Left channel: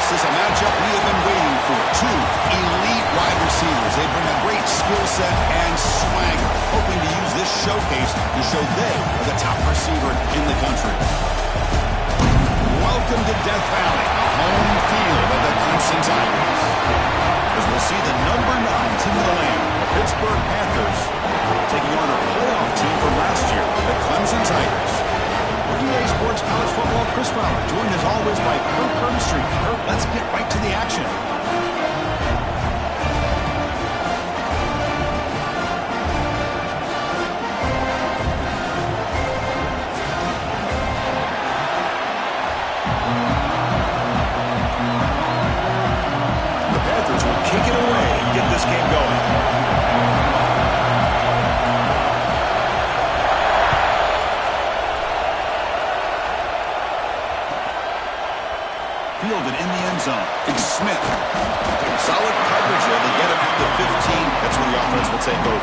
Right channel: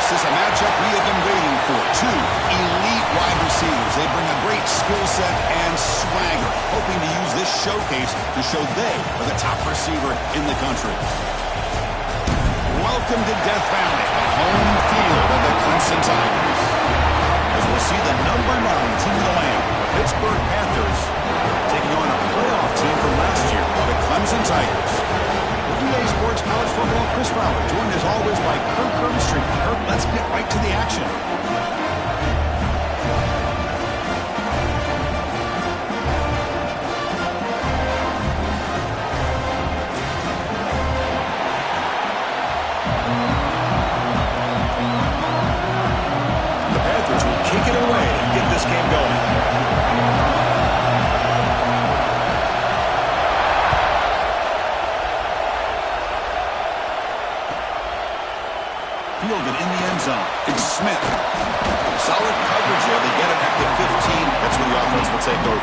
This is a matchup we have been waiting for. Two elite wide receivers. They bring a great skill set and swagger, hoping to use this showcase to show they are the top receiver in the country. Welcome to Death Valley, the home field of the Clemson Tigers. As we'll see the number 9 team of the land, the Pittsburgh Panthers, taking on a playoff team from last year, the Clemson Tigers. For EA Sports College Football, Chris Fowler, joined as always by Kirk Herbstreit. Kirk, let's get right to the action. The Panthers will kick it away and get this game going. Fielded in the end zone. It's Smith. Solid coverage there. They get him at the 15. That's where the offense will take over.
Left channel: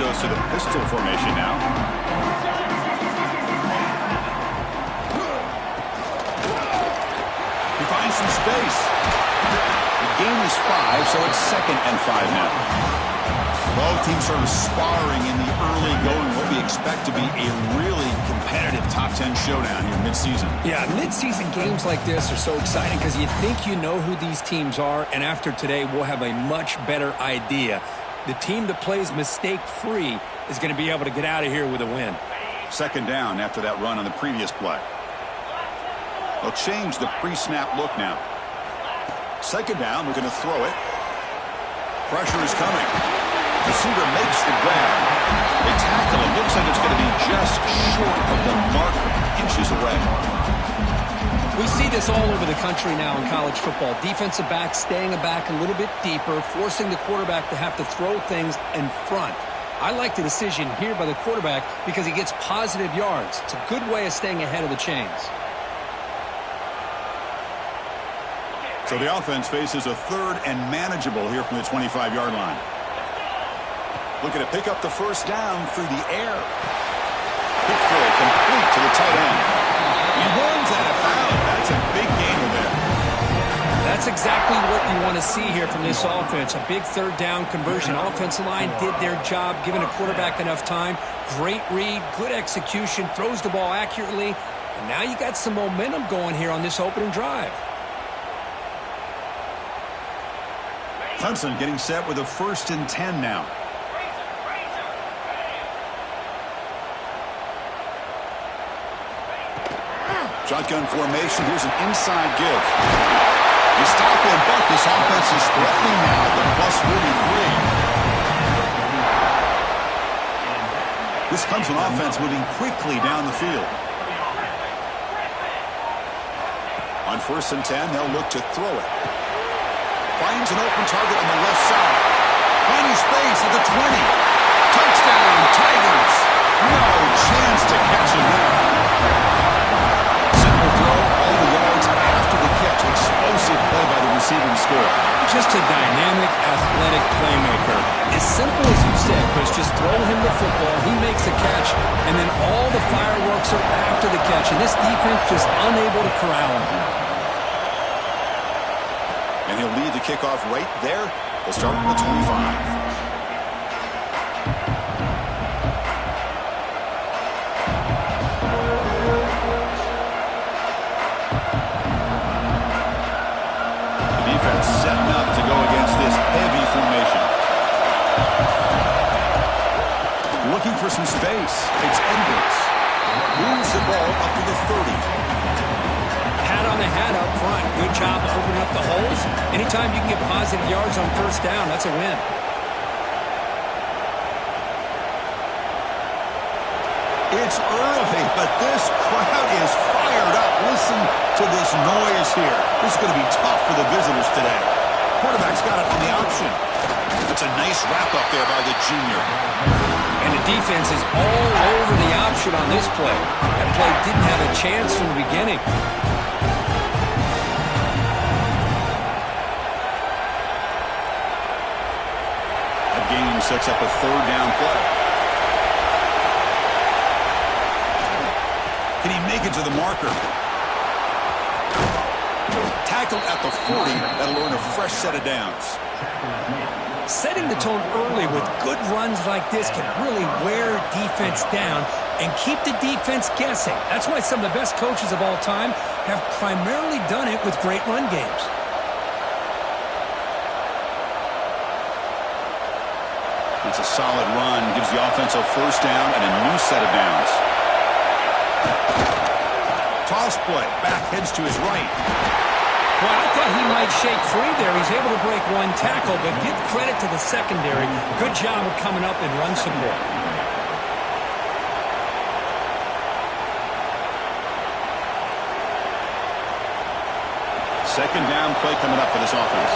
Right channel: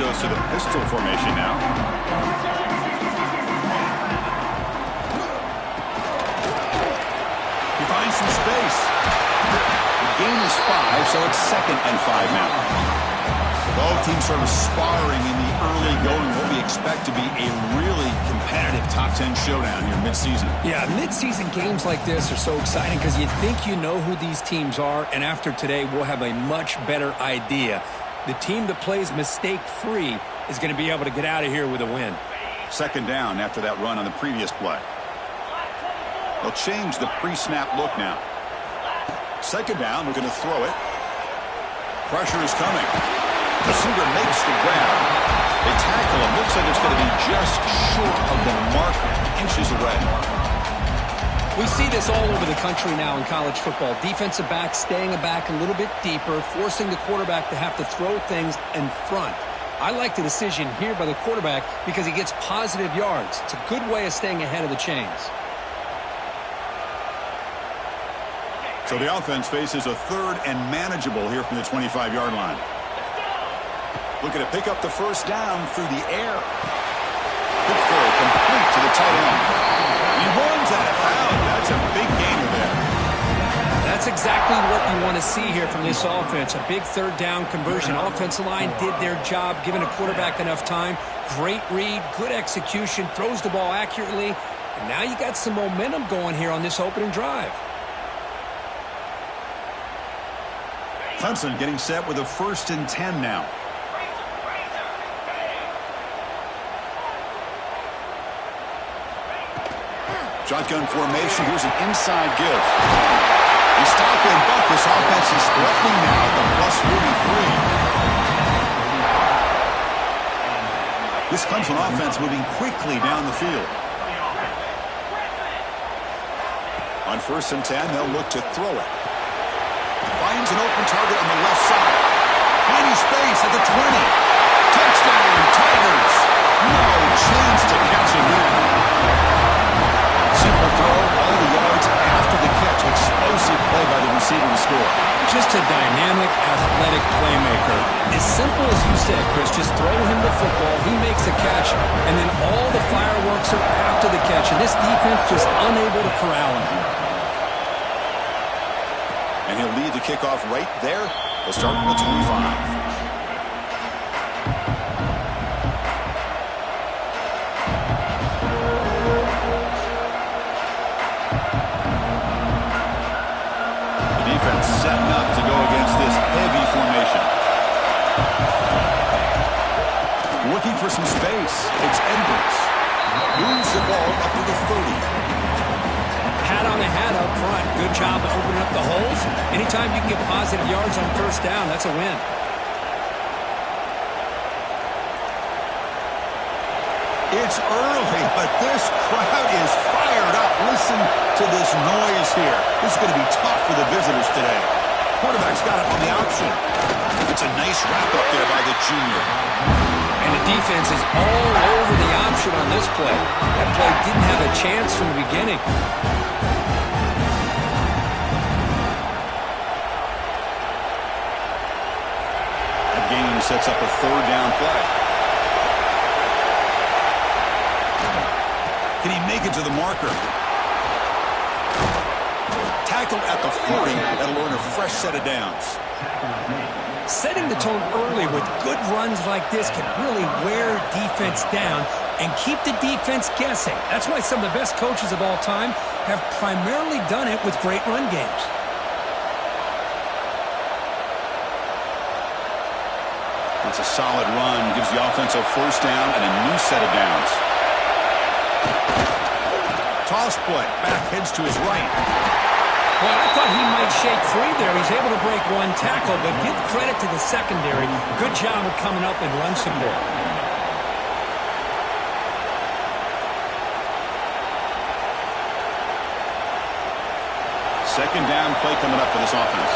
Goes to the pistol formation now. He finds some space. The gain is 5, so it's 2nd and 5 now. Both teams sort of sparring in the early going, what we expect to be a really competitive top 10 showdown here mid-season. Yeah, mid-season games like this are so exciting because you think you know who these teams are, and after today we'll have a much better idea. The team that plays mistake-free is going to be able to get out of here with a win. 2nd down after that run on the previous play. They'll change the pre-snap look now. 2nd down, we're going to throw it. Pressure is coming. Receiver makes the grab. They tackle him. Looks like it's going to be just short of the marker, inches away. We see this all over the country now in college football. Defensive backs staying back a little bit deeper, forcing the quarterback to have to throw things in front. I like the decision here by the quarterback because he gets positive yards. It's a good way of staying ahead of the chains. So the offense faces a 3rd and manageable here from the 25-yard line. Looking to pick up the 1st down through the air. Quick throw complete to the tight end. He runs out of bounds. That's a big gainer there. That's exactly what you want to see here from this offense. A big 3rd down conversion. Offensive line did their job, giving a quarterback enough time. Great read, good execution, throws the ball accurately. And now you got some momentum going here on this opening drive. Clemson getting set with a 1st and 10 now. Shotgun formation. Here's an inside give. He stopped and bucked. This offense is threatening now at the +43. This Clemson offense moving quickly down the field. On 1st and 10, they'll look to throw it. Finds an open target on the left side. Finding space at the 20. Touchdown, Tigers. No chance to catch him there. Simple throw, all the yards after the catch. Explosive play by the receiver to score. Just a dynamic, athletic playmaker. As simple as you said, Chris, just throw him the football, he makes the catch, and then all the fireworks are after the catch, and this defense just unable to corral him. And he'll lead the kickoff right there. They'll start from the 25. Setting up to go against this heavy formation. Looking for some space. It's Edwards. Moves the ball up to the 30. Hat on the hat up front. Good job of opening up the holes. Anytime you can get positive yards on 1st down, that's a win. It's early, but this crowd is fired up. Listen to this noise here. This is going to be tough for the visitors today. Quarterback's got it on the option. It's a nice wrap up there by the junior. And And the defense is all over the option on this play. That play didn't have a chance from the beginning. That game sets up a third down play. Can he make it to the marker? Tackled at the 40. That'll earn a fresh set of downs. Setting the tone early with good runs like this can really wear defense down and keep the defense guessing. That's why some of the best coaches of all time have primarily done it with great run games. That's a solid run. Gives the offense a first down and a new set of downs. Toss play. Back heads to his right. Well, I thought he might shake free there. He's able to break one tackle, but give credit to the secondary. Good job of coming up and run support. Second down play coming up for this offense.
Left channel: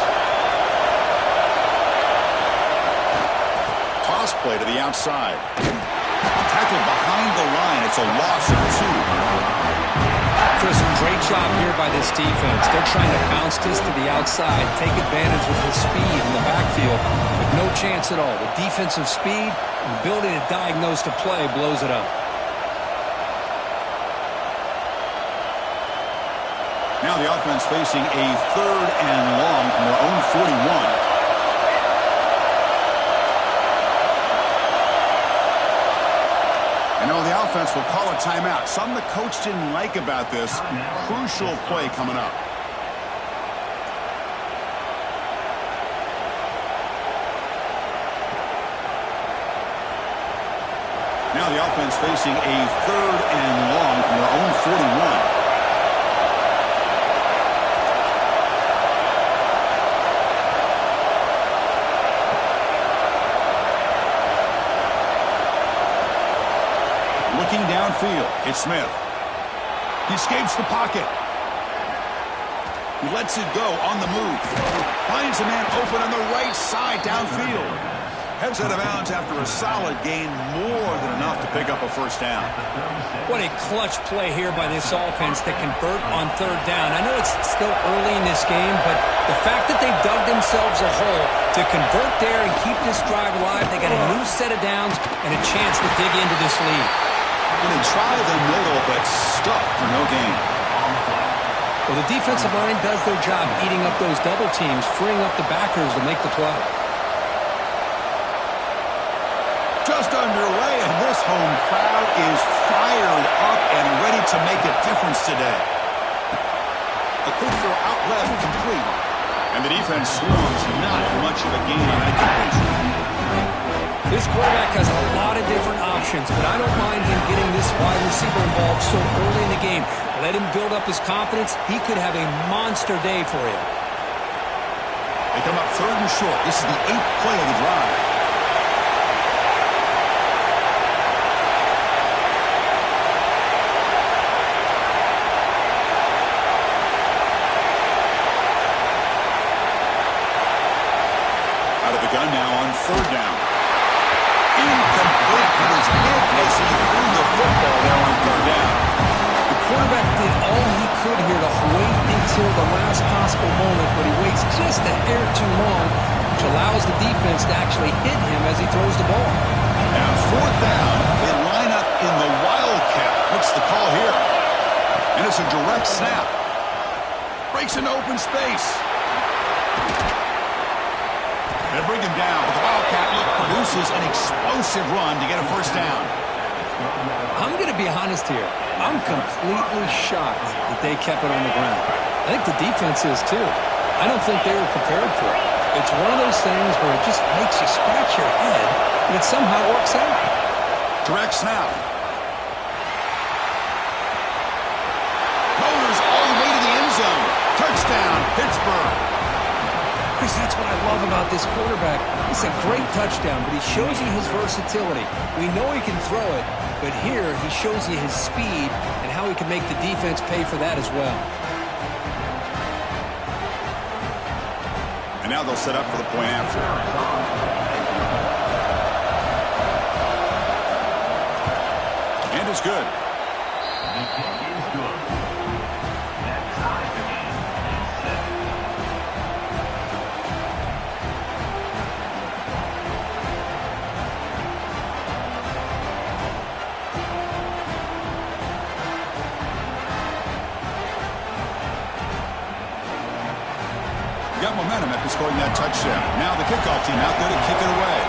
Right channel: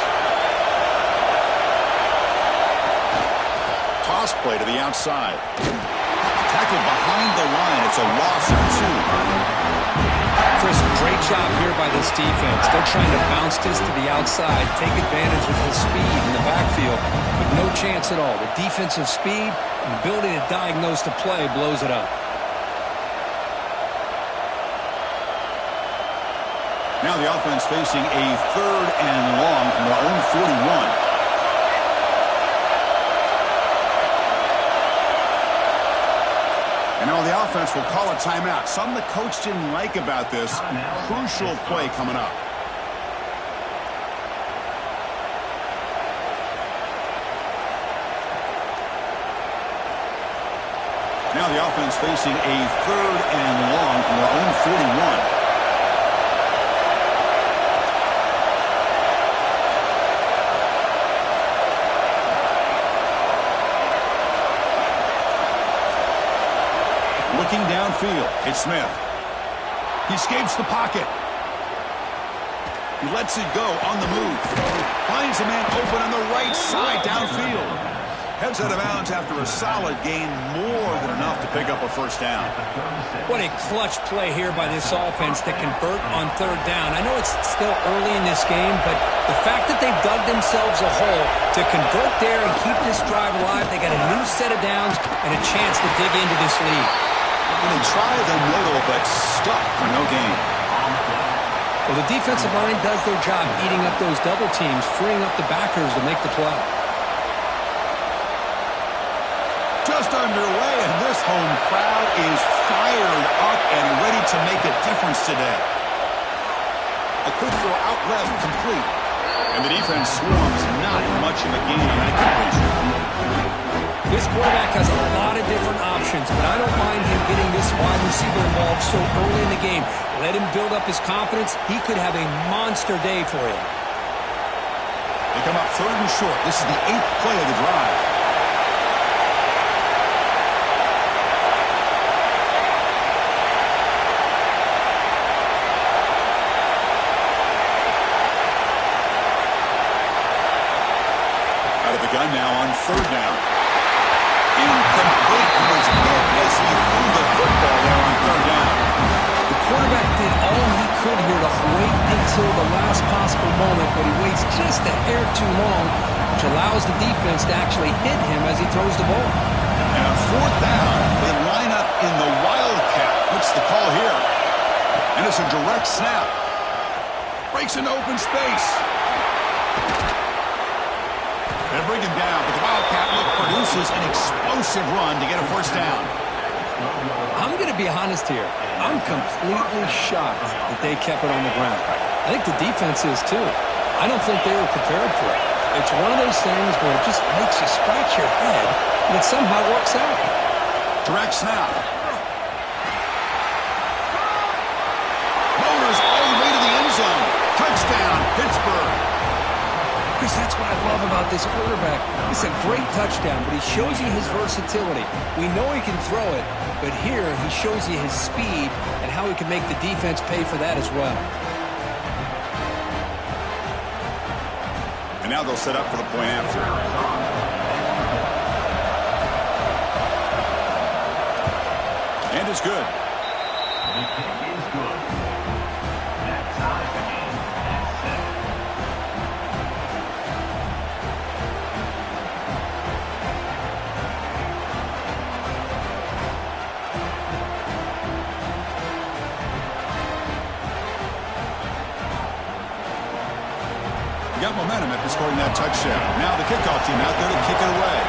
Toss play to the outside. Tackled behind the line. It's a loss of 2. Chris, great job here by this defense. They're trying to bounce this to the outside, take advantage of his speed in the backfield, but no chance at all. The defensive speed and ability to diagnose the play blows it up. Now the offense facing a third and long from their own 41. And now the offense will call a timeout. Something the coach didn't like about this. Crucial play coming up. Now the offense facing a third and long from their own 41. Looking downfield, it's Smith. He escapes the pocket. He lets it go on the move. Finds a man open on the right side downfield. Heads out of bounds after a solid gain, more than enough to pick up a first down. What a clutch play here by this offense to convert on third down. I know it's still early in this game, but the fact that they've dug themselves a hole to convert there and keep this drive alive, they got a new set of downs and a chance to dig into this lead. And they try the middle, but stuck for no gain. Well, the defensive line does their job eating up those double teams, freeing up the backers to make the play. Just underway, and this home crowd is fired up and ready to make a difference today. A quick throw out left, complete. And the defense swarms, not much of a gain on that completion. This quarterback has a lot of different options, but I don't mind him getting this wide receiver involved so early in the game. Let him build up his confidence. He could have a monster day for him. They come up third and short. This is the 8th play of the drive. Out of the gun now on third down. Incomplete. He was hit as he threw the football there on third down. The quarterback did all he could here to wait until the last possible moment, but he waits just a hair too long, which allows the defense to actually hit him as he throws the ball. Now fourth down, they line up in the Wildcat. What's the call here? And it's a direct snap. Breaks into open space. They bring him down, but the Wildcat look produces an explosive run to get a first down. I'm going to be honest here. I'm completely shocked that they kept it on the ground. I think the defense is too. I don't think they were prepared for it. It's one of those things where it just makes you scratch your head, and it somehow works out. Direct snap. Motors all the way to the end zone. Touchdown, Pittsburgh. Chris, that's what I love about this quarterback. It's a great touchdown, but he shows you his versatility. We know he can throw it, but here he shows you his speed and how he can make the defense pay for that as well. And now they'll set up for the point after. And it's good. The kick is good. That ties the game at 7. Got momentum after scoring that touchdown. Now the kickoff team out there to kick it away.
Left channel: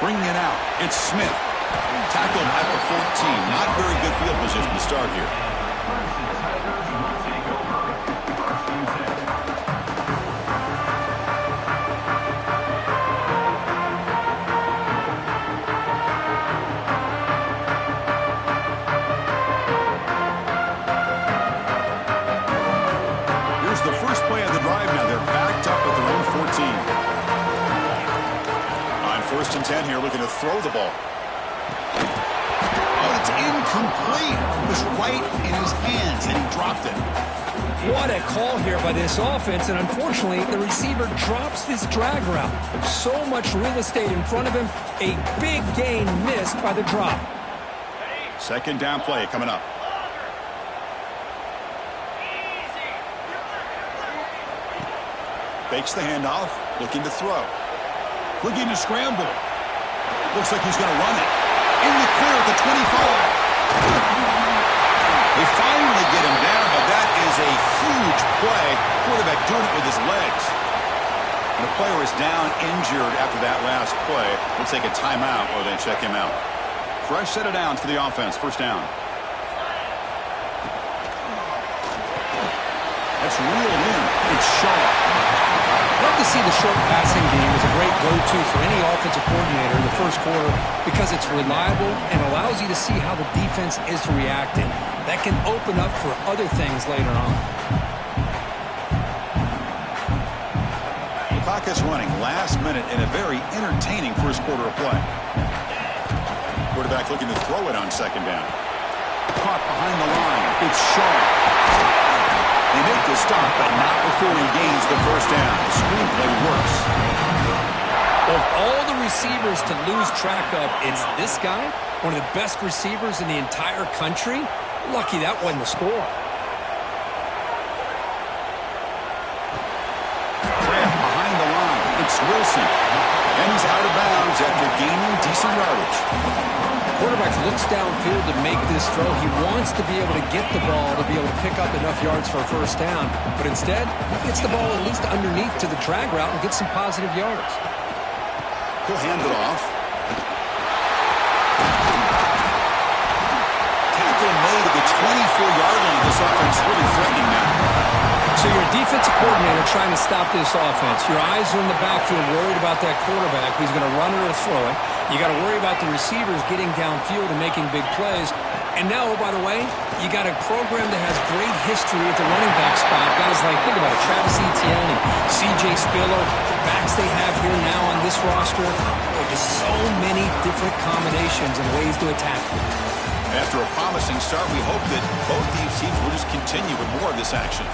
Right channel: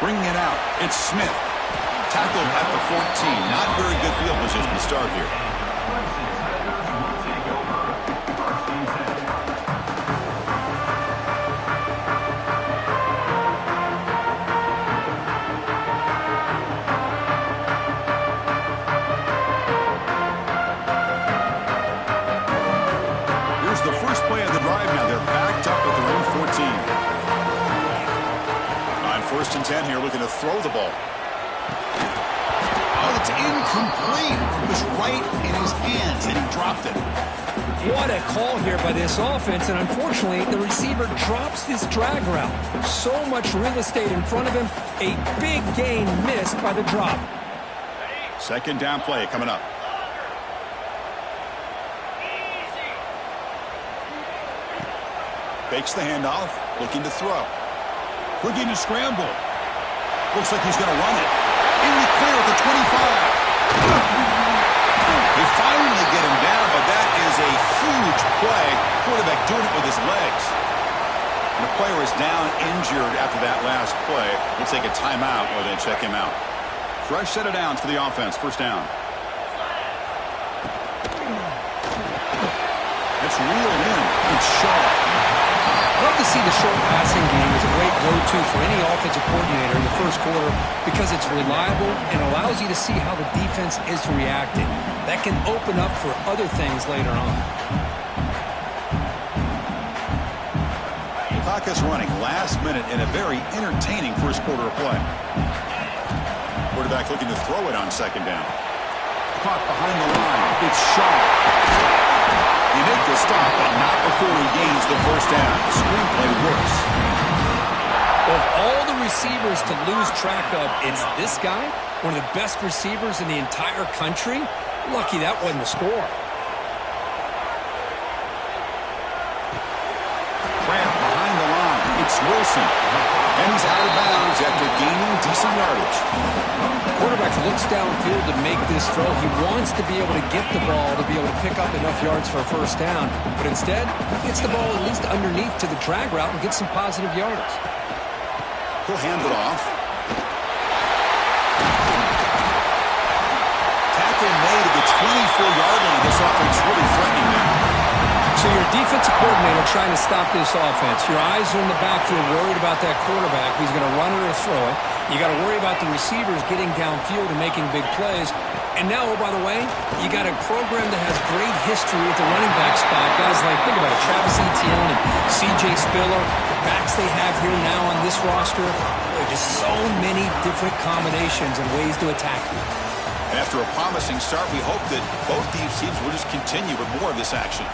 Bringing it out, it's Smith. Tackled at the 14. Not very good field position to start here. The first play of the drive now. They're backed up at their own 14. On 1st and 10 here, looking to throw the ball. Oh, it's incomplete. It was right in his hands, and he dropped it. What a call here by this offense, and unfortunately, the receiver drops this drag route. So much real estate in front of him. A big gain missed by the drop. 2nd down play coming up. Fakes the handoff, looking to throw. Looking to scramble. Looks like he's going to run it. In the clear at the 25. They finally get him down, but that is a huge play. Quarterback doing it with his legs. And the player is down injured after that last play. We'll take a timeout or they check him out. Fresh set of downs for the offense. 1st down. That's reeled in. It's Shaw. Love to see the short passing game as a great go-to for any offensive coordinator in the first quarter because it's reliable and allows you to see how the defense is reacting. That can open up for other things later on. The clock is running last minute in a very entertaining first quarter of play. Quarterback looking to throw it on 2nd down. Caught behind the line. It's Shaw. They make the stop, but not before he gains the 1st down. The screenplay works. Of all the receivers to lose track of, it's this guy, one of the best receivers in the entire country. Lucky that wasn't a score. Grant behind the line. It's Wilson. And he's out of bounds after gaining decent yardage. Quarterback looks downfield to make this throw. He wants to be able to get the ball to be able to pick up enough yards for a 1st down. But instead, he gets the ball at least underneath to the drag route and gets some positive yards. He'll hand it off. Tackle made at the 24-yard line. This offense really threatening now. So you're a defensive coordinator trying to stop this offense. Your eyes are in the backfield worried about that quarterback who's going to run it or throw it. You got to worry about the receivers getting downfield and making big plays. And now, oh, by the way, you got a program that has great history at the running back spot. Guys like, think about it, Travis Etienne and C.J. Spiller, the backs they have here now on this roster. Boy, just so many different combinations and ways to attack them. And after a promising start, we hope that both these teams will just continue with more of this action.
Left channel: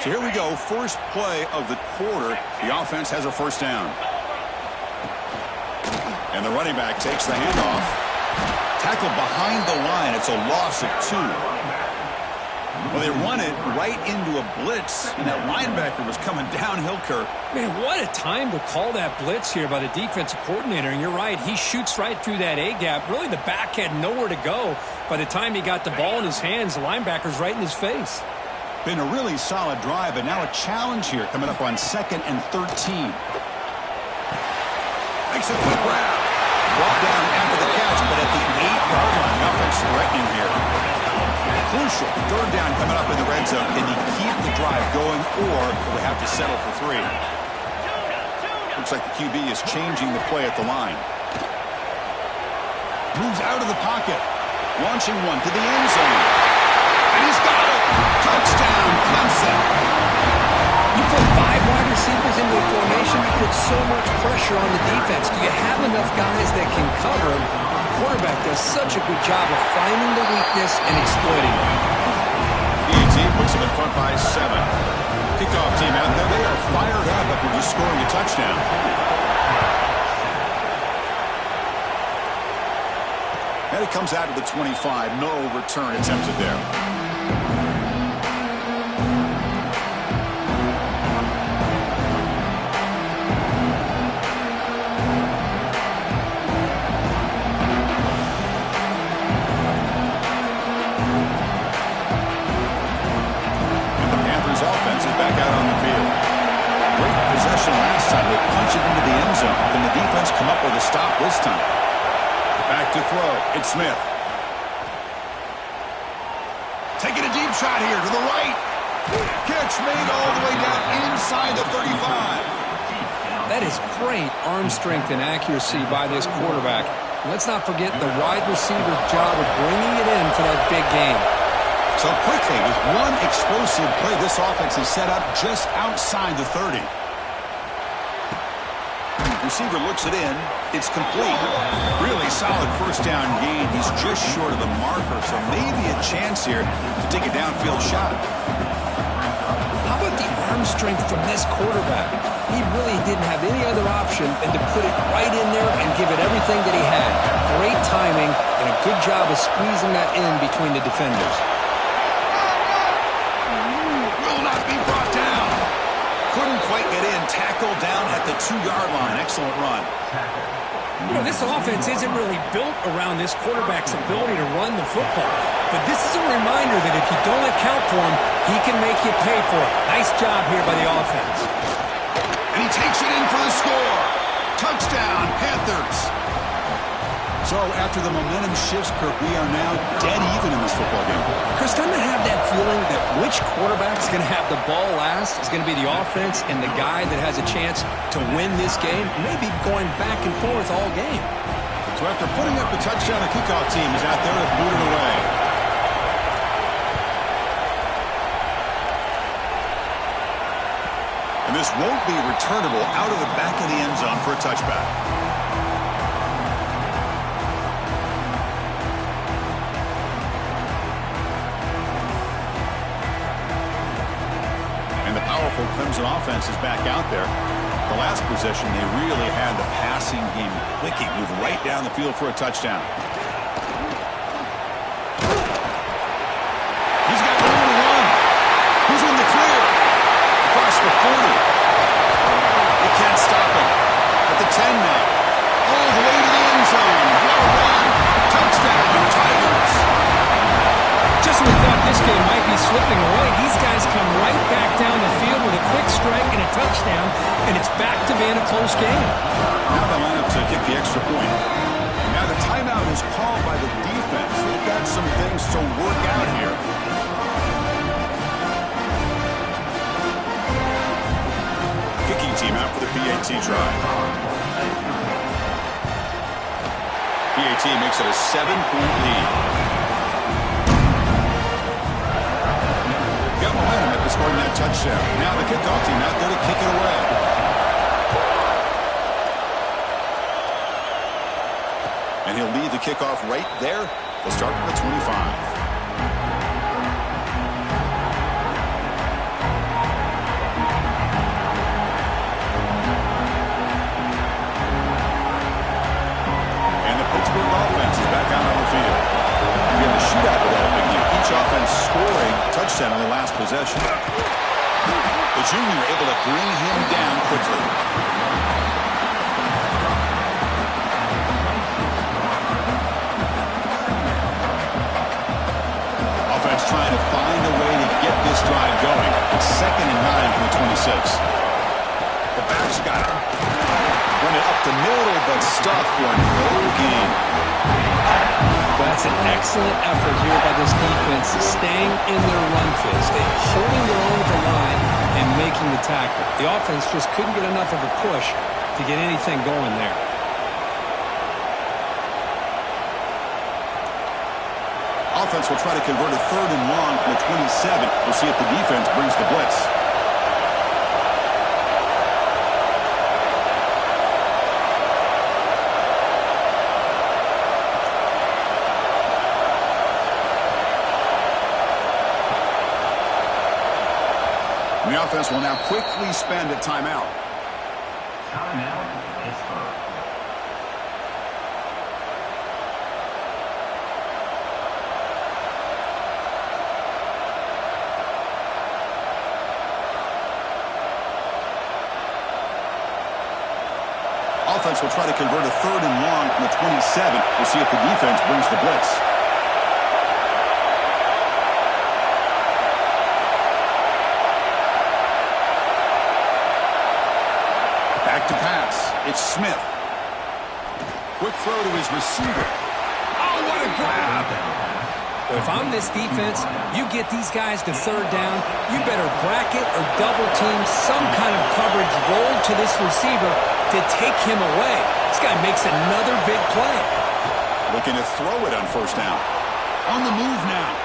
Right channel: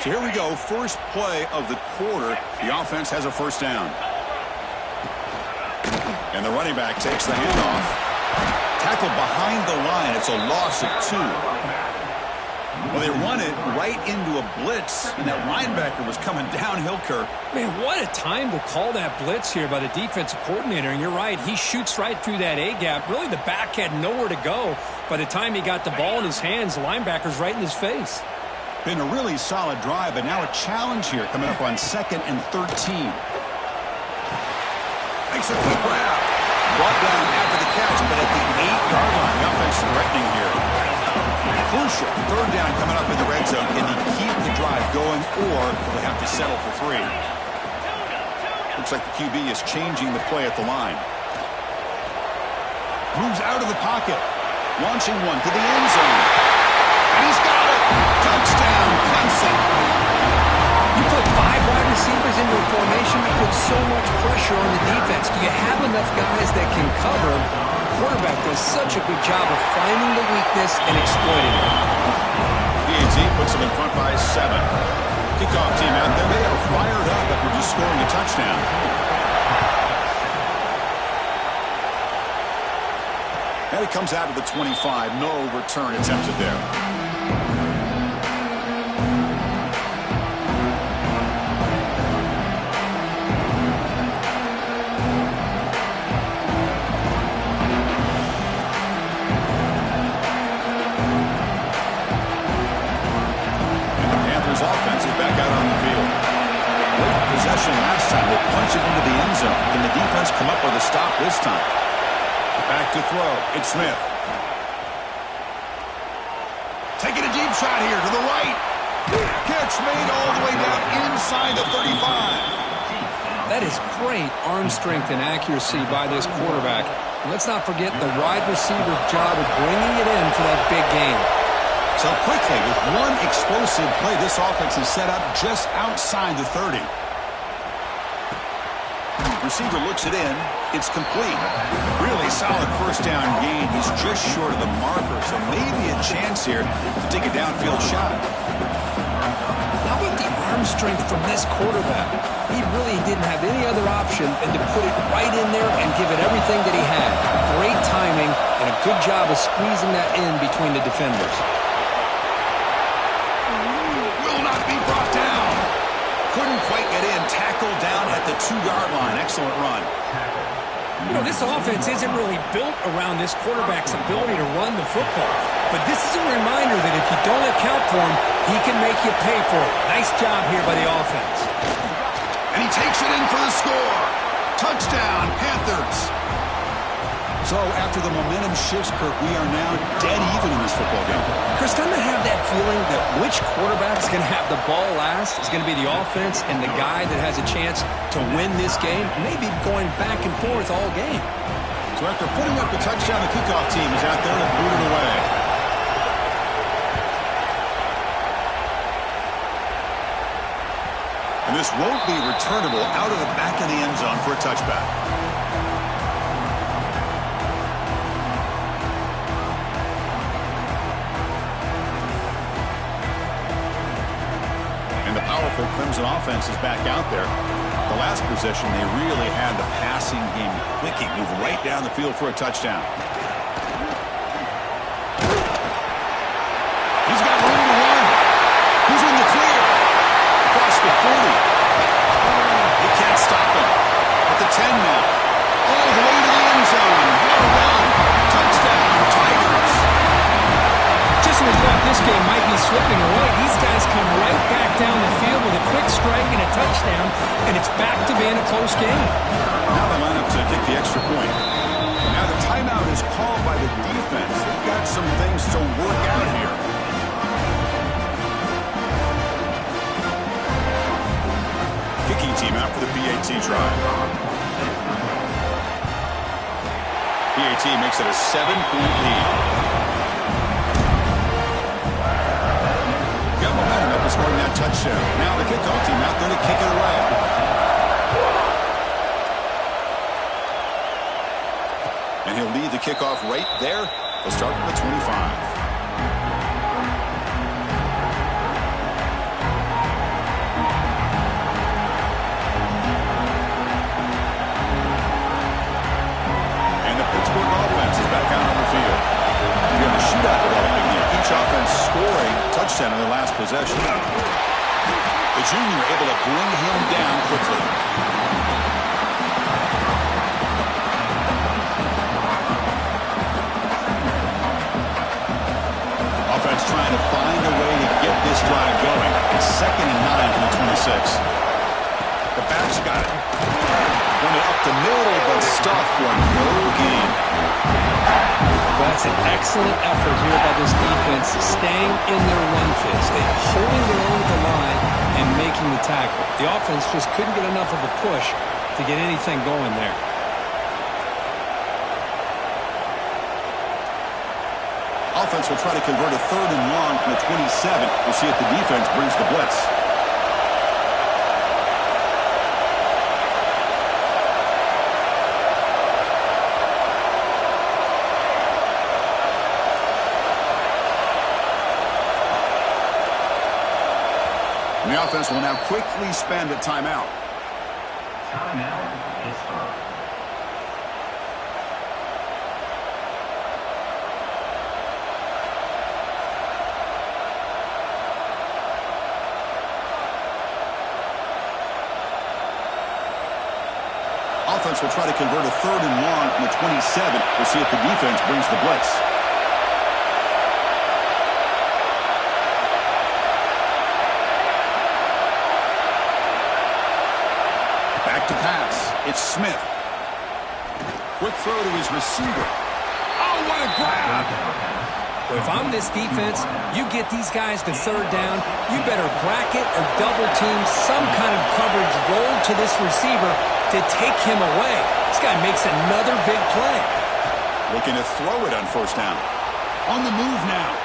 So here we go, first play of the quarter. The offense has a 1st down. And the running back takes the handoff. Tackled behind the line. It's a loss of 2. Well, they run it right into a blitz, and that linebacker was coming downhill, Kirk. Man, what a time to call that blitz here by the defensive coordinator. And you're right, he shoots right through that A-gap. Really, the back had nowhere to go. By the time he got the ball in his hands, the linebacker's right in his face. Been a really solid drive, but now a challenge here coming up on 2nd and 13. Makes a quick grab. Brought down after the catch, but at the 8-yard line. The offense threatening here. Crucial. 3rd down coming up in the red zone. Can they keep the drive going, or will they have to settle for 3? Looks like the QB is changing the play at the line. Moves out of the pocket. Launching one to the end zone. And he's got it. Touchdown, Clemson. You put 5 wide receivers into a formation, you put so much pressure on the defense. Do you have enough guys that can cover? The quarterback does such a good job of finding the weakness and exploiting it. PAT puts them in front by 7. Kickoff team out there. They are fired up after just scoring a touchdown. And it comes out to the 25. No return attempted there. Offense is back out on the field. Great possession last time. They punch it into the end zone. Can the defense come up with a stop this time? Back to throw. It's Smith. Taking a deep shot here to the right. Catch made all the way down inside the 35. That is great arm strength and accuracy by this quarterback. And let's not forget the wide receiver's job of bringing it in for that big game. So quickly, with one explosive play, this offense is set up just outside the 30. Receiver looks it in. It's complete. Really solid first down gain. He's just short of the marker, so maybe a chance here to take a downfield shot. How about the arm strength from this quarterback? He really didn't have any other option than to put it right in there and give it everything that he had. Great timing and a good job of squeezing that in between the defenders. Not be brought down. Couldn't quite get in. Tackled down at the 2-yard line. Excellent run. You know, this offense isn't really built around this quarterback's ability to run the football. But this is a reminder that if you don't account for him, he can make you pay for it. Nice job here by the offense. And he takes it in for the score. Touchdown, Panthers. So after the momentum shifts, Kirk, we are now dead even in this football game. Chris, doesn't I have that feeling that which quarterback's going to have the ball last is going to be the offense, and the guy that has a chance to win this game may be going back and forth all game. So after putting up the touchdown, the kickoff team is out there to boot it away. And this won't be returnable out of the back of the end zone for a touchback. Powerful Clemson offense is back out there. The last possession, they really had the passing game clicking, move right down the field for a touchdown. He's got room to run. He's in the clear. Across the 40. They can't stop him. At the 10 now. All the way to the end zone. What a run. Touchdown, Tigers. Just when we thought this game might be slipping away, these guys come right back down the field with a quick strike and a touchdown, and it's back to being a close game. Now they line up to kick the extra point. Now the timeout is called by the defense. They've got some things to work out here. Kicking team out for the PAT try. PAT makes it a 7-point lead. Got momentum after scoring that touchdown. Now the kickoff team out there to kick it away. And he'll lead the kickoff right there. They'll start from the 25. And the Pittsburgh offense is back out on the field. We have a shootout developing here. Each offense scoring a touchdown on their last possession. The junior able to bring him down quickly. Offense trying to find a way to get this drive going. It's 2nd and 9 from the 26. The back's got it. Run it up the middle, but stuffed for no gain. That's an excellent effort here by this defense, staying in their run fist, holding their own at the line and making the tackle. The offense just couldn't get enough of a push to get anything going there. Offense will try to convert a 3rd and long from the 27. We'll see if the defense brings the blitz. The offense will now quickly spend a timeout. Timeout, Pittsburgh. Offense will try to convert a 3rd and long from the 27. We'll see if the defense brings the blitz. Back to pass. It's Smith. Quick throw to his receiver. Oh, what a grab! Well, if I'm this defense, you get these guys to 3rd down, you better bracket or double team some kind of coverage roll to this receiver to take him away. This guy makes another big play. Looking to throw it on 1st down. On the move now.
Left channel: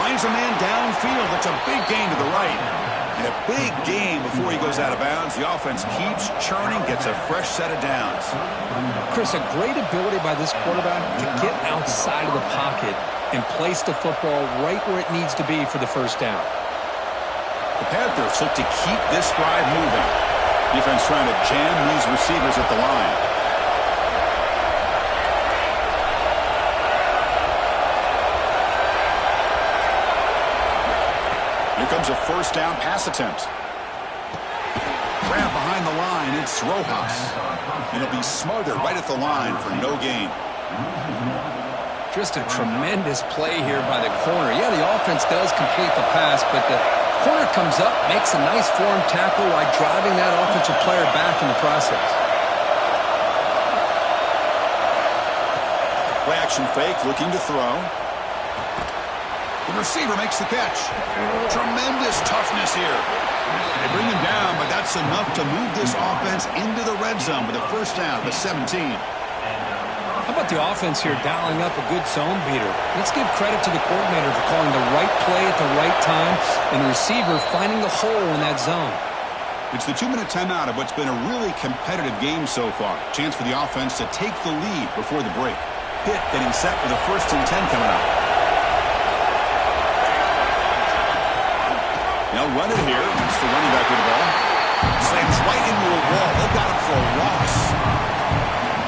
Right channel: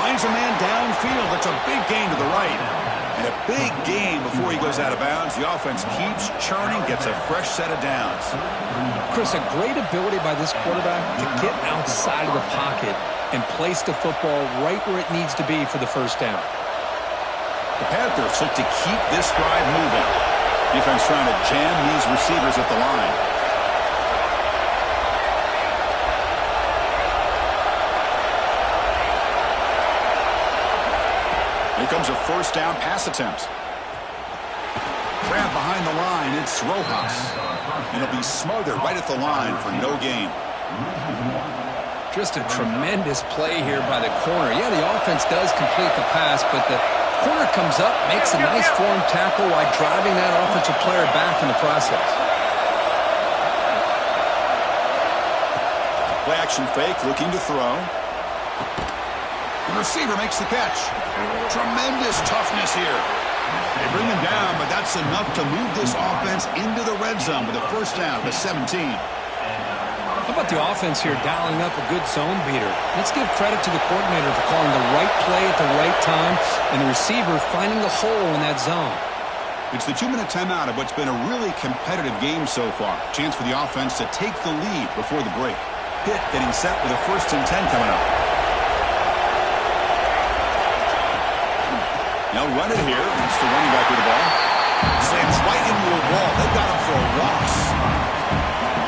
Finds a man downfield. That's a big gain to the right. And a big gain before he goes out of bounds. The offense keeps churning, gets a fresh set of downs. Chris, a great ability by this quarterback to get outside of the pocket and place the football right where it needs to be for the 1st down. The Panthers look to keep this drive moving. Defense trying to jam these receivers at the line. Here comes a 1st down pass attempt. Grab behind the line. It's Rojas. And it'll be smothered right at the line for no gain. Just a tremendous play here by the corner. Yeah, the offense does complete the pass, but the corner comes up, makes a nice form tackle while driving that offensive player back in the process. Play action fake, looking to throw. The receiver makes the catch. Tremendous toughness here. They bring him down, but that's enough to move this offense into the red zone with a 1st down to 17. How about the offense here dialing up a good zone beater? Let's give credit to the coordinator for calling the right play at the right time and the receiver finding the hole in that zone. It's the 2-minute timeout of what's been a really competitive game so far. Chance for the offense to take the lead before the break. Pitt getting set for the 1st and 10 coming up. They'll run it here. It's the running back with the ball. Slams right into a wall. They've got him for a loss.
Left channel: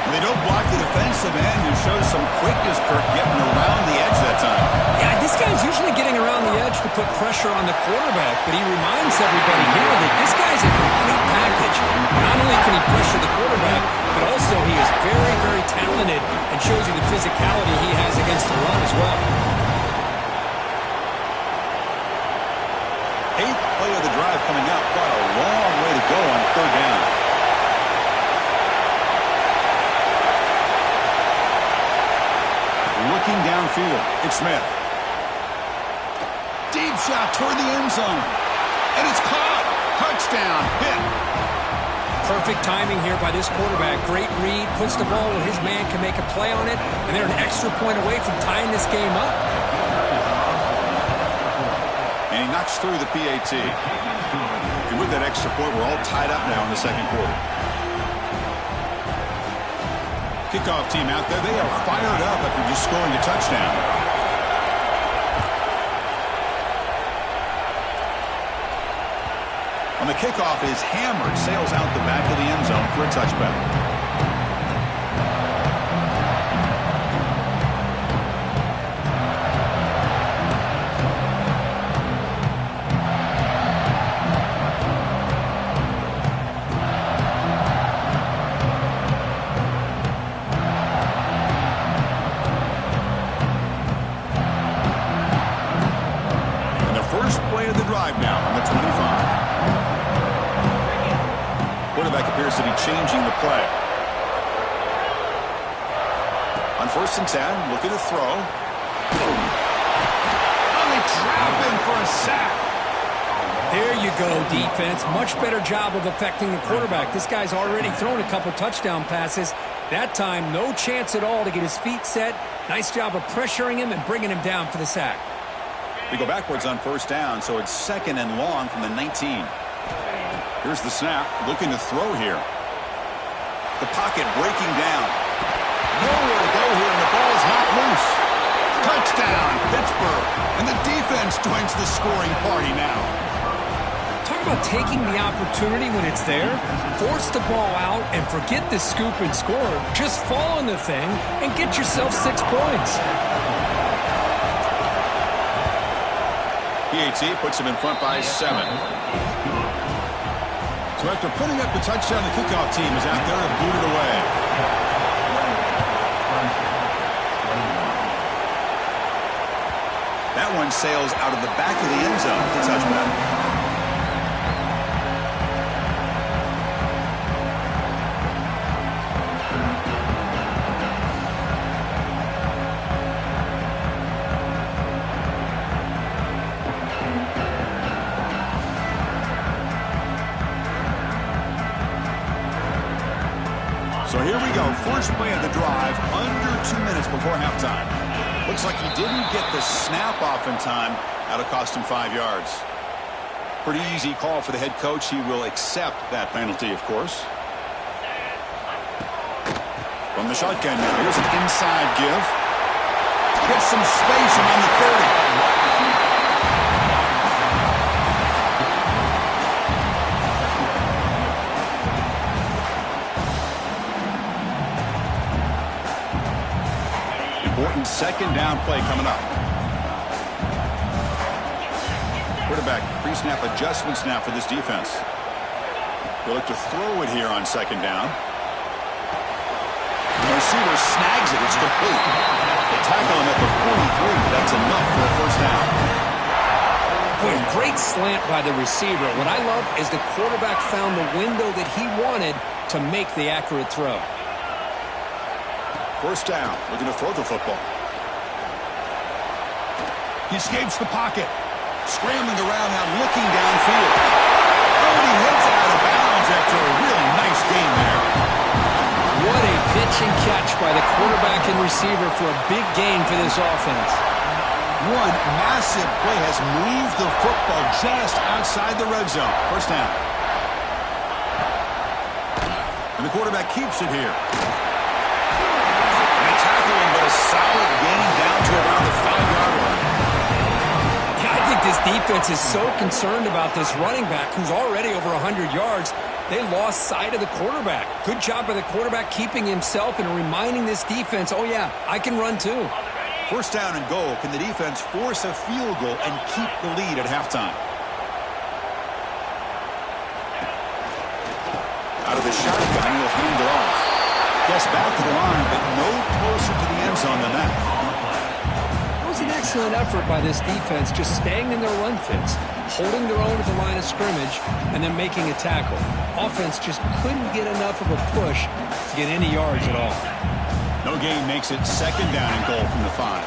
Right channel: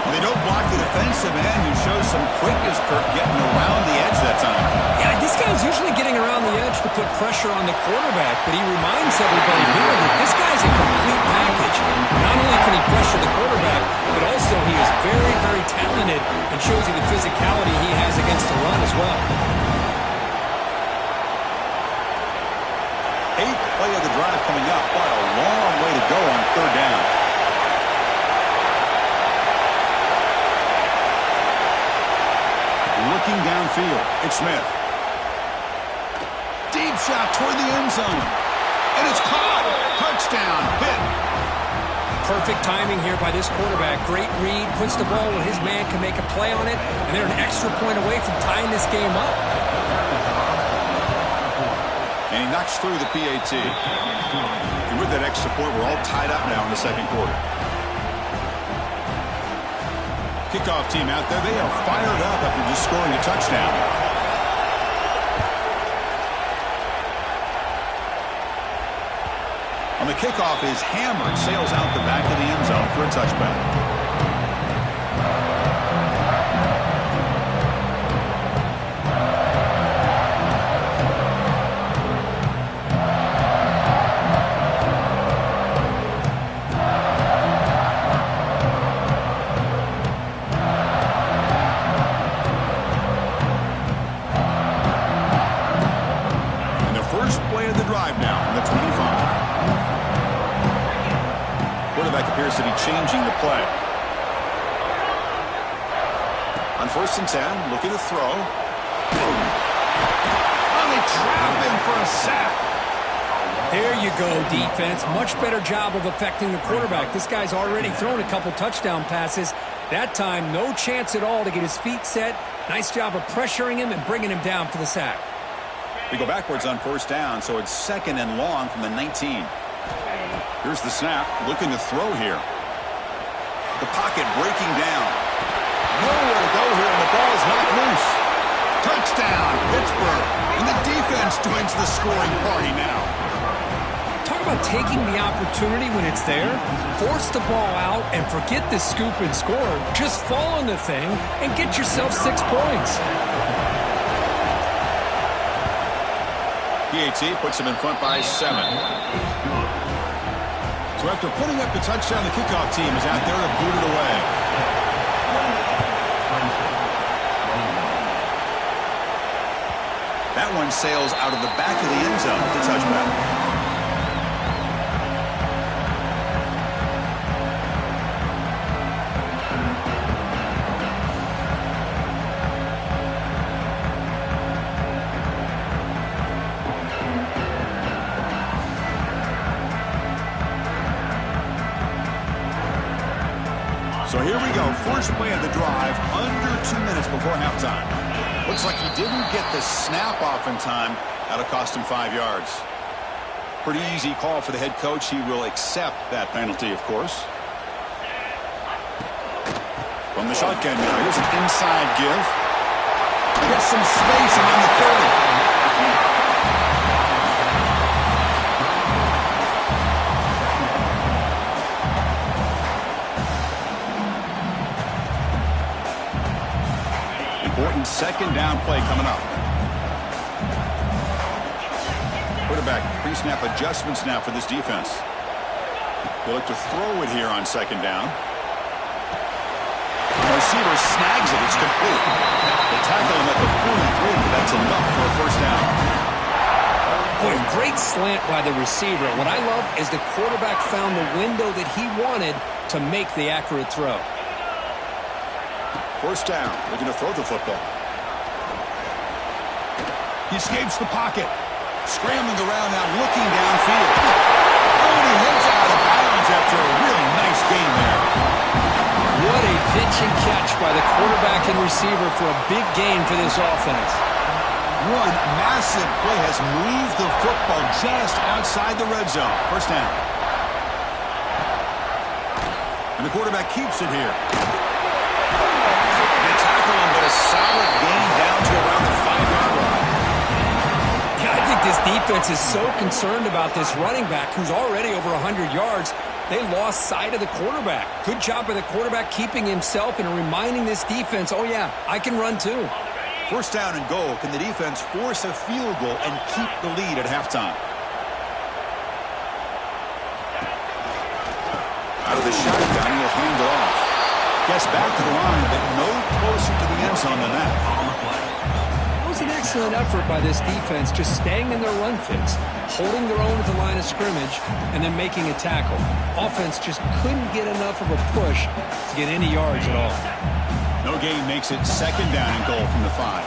Well, they don't block the defensive end and shows some quickness, Kirk, getting around the edge that time. Yeah, this guy's usually getting around the edge to put pressure on the quarterback, but he reminds everybody here that this guy's a complete package. Not only can he pressure the quarterback, but also he is very, very talented and shows you the physicality he has against the run as well. 8th play of the drive coming up. Quite a long way to go on 3rd down. Looking downfield. It's Smith. Deep shot toward the end zone. And it's caught. Touchdown. Pitt. Perfect timing here by this quarterback. Great read. Puts the ball where his man can make a play on it. And they're an extra point away from tying this game up. And he knocks through the PAT. And with that extra point, we're all tied up now in the 2nd quarter. Kickoff team out there. They are fired up after just scoring a touchdown. On the kickoff is hammered. Sails out the back of the end zone for a touchback. Appears to be changing the play. On 1st and 10, looking to throw. Boom. Oh, they trap him for a sack. There you go, defense. Much better job of affecting the quarterback. This guy's already thrown a couple touchdown passes. That time, no chance at all to get his feet set. Nice job of pressuring him and bringing him down for the sack. We go backwards on 1st down, so it's 2nd and long from the 19. Here's the snap, looking to throw here. The pocket breaking down. Nowhere to go here, and the ball is knocked loose. Touchdown, Pittsburgh. And the defense joins the scoring party now. Talk about taking the opportunity when it's there. Force the ball out and forget the scoop and score. Just fall on the thing and get yourself 6 points. PAT puts him in front by 7. So after putting up the touchdown, the kickoff team is out there to boot it away. That one sails out of the back of the end zone for the touchback. So here we go, first play of the drive, under 2 minutes before halftime. Looks like he didn't get the snap off in time. That'll cost him 5 yards. Pretty easy call for the head coach. He will accept that penalty, of course. From the shotgun now, here's an inside give. Gets some space around the 30. Important second down play coming up. Quarterback pre-snap adjustments now for this defense. They look to throw it here on second down. The receiver snags it. It's complete. They tackle him at the 43, but that's enough for a first down. Boy, great slant by the receiver. What I love is the quarterback found the window that he wanted to make the accurate throw. First down, looking to throw the football. He escapes the pocket. Scrambling around now, looking downfield. Oh, and he heads out of bounds after a really nice gain there. What a pitch and catch by the quarterback and receiver for a big gain for this offense. One massive play has moved the football just outside the red zone. First down. And the quarterback keeps it here. Tackle him, but a solid gain down to around the 5-yard line. Yeah, I think this defense is so concerned about this running back who's already over 100 yards. They lost sight of the quarterback. Good job by the quarterback keeping himself and reminding this defense, oh yeah, I can run too. First down and goal. Can the defense force a field goal and keep the lead at halftime? Out of the shotgun, he'll hand it off. Gets back to the line, but no closer to the end zone than that. That was an excellent effort by this defense, just staying in their run fits, holding their own at the line of scrimmage, and then making a tackle. Offense just couldn't get enough of a push to get any yards at all. No gain makes it second down and goal from the 5.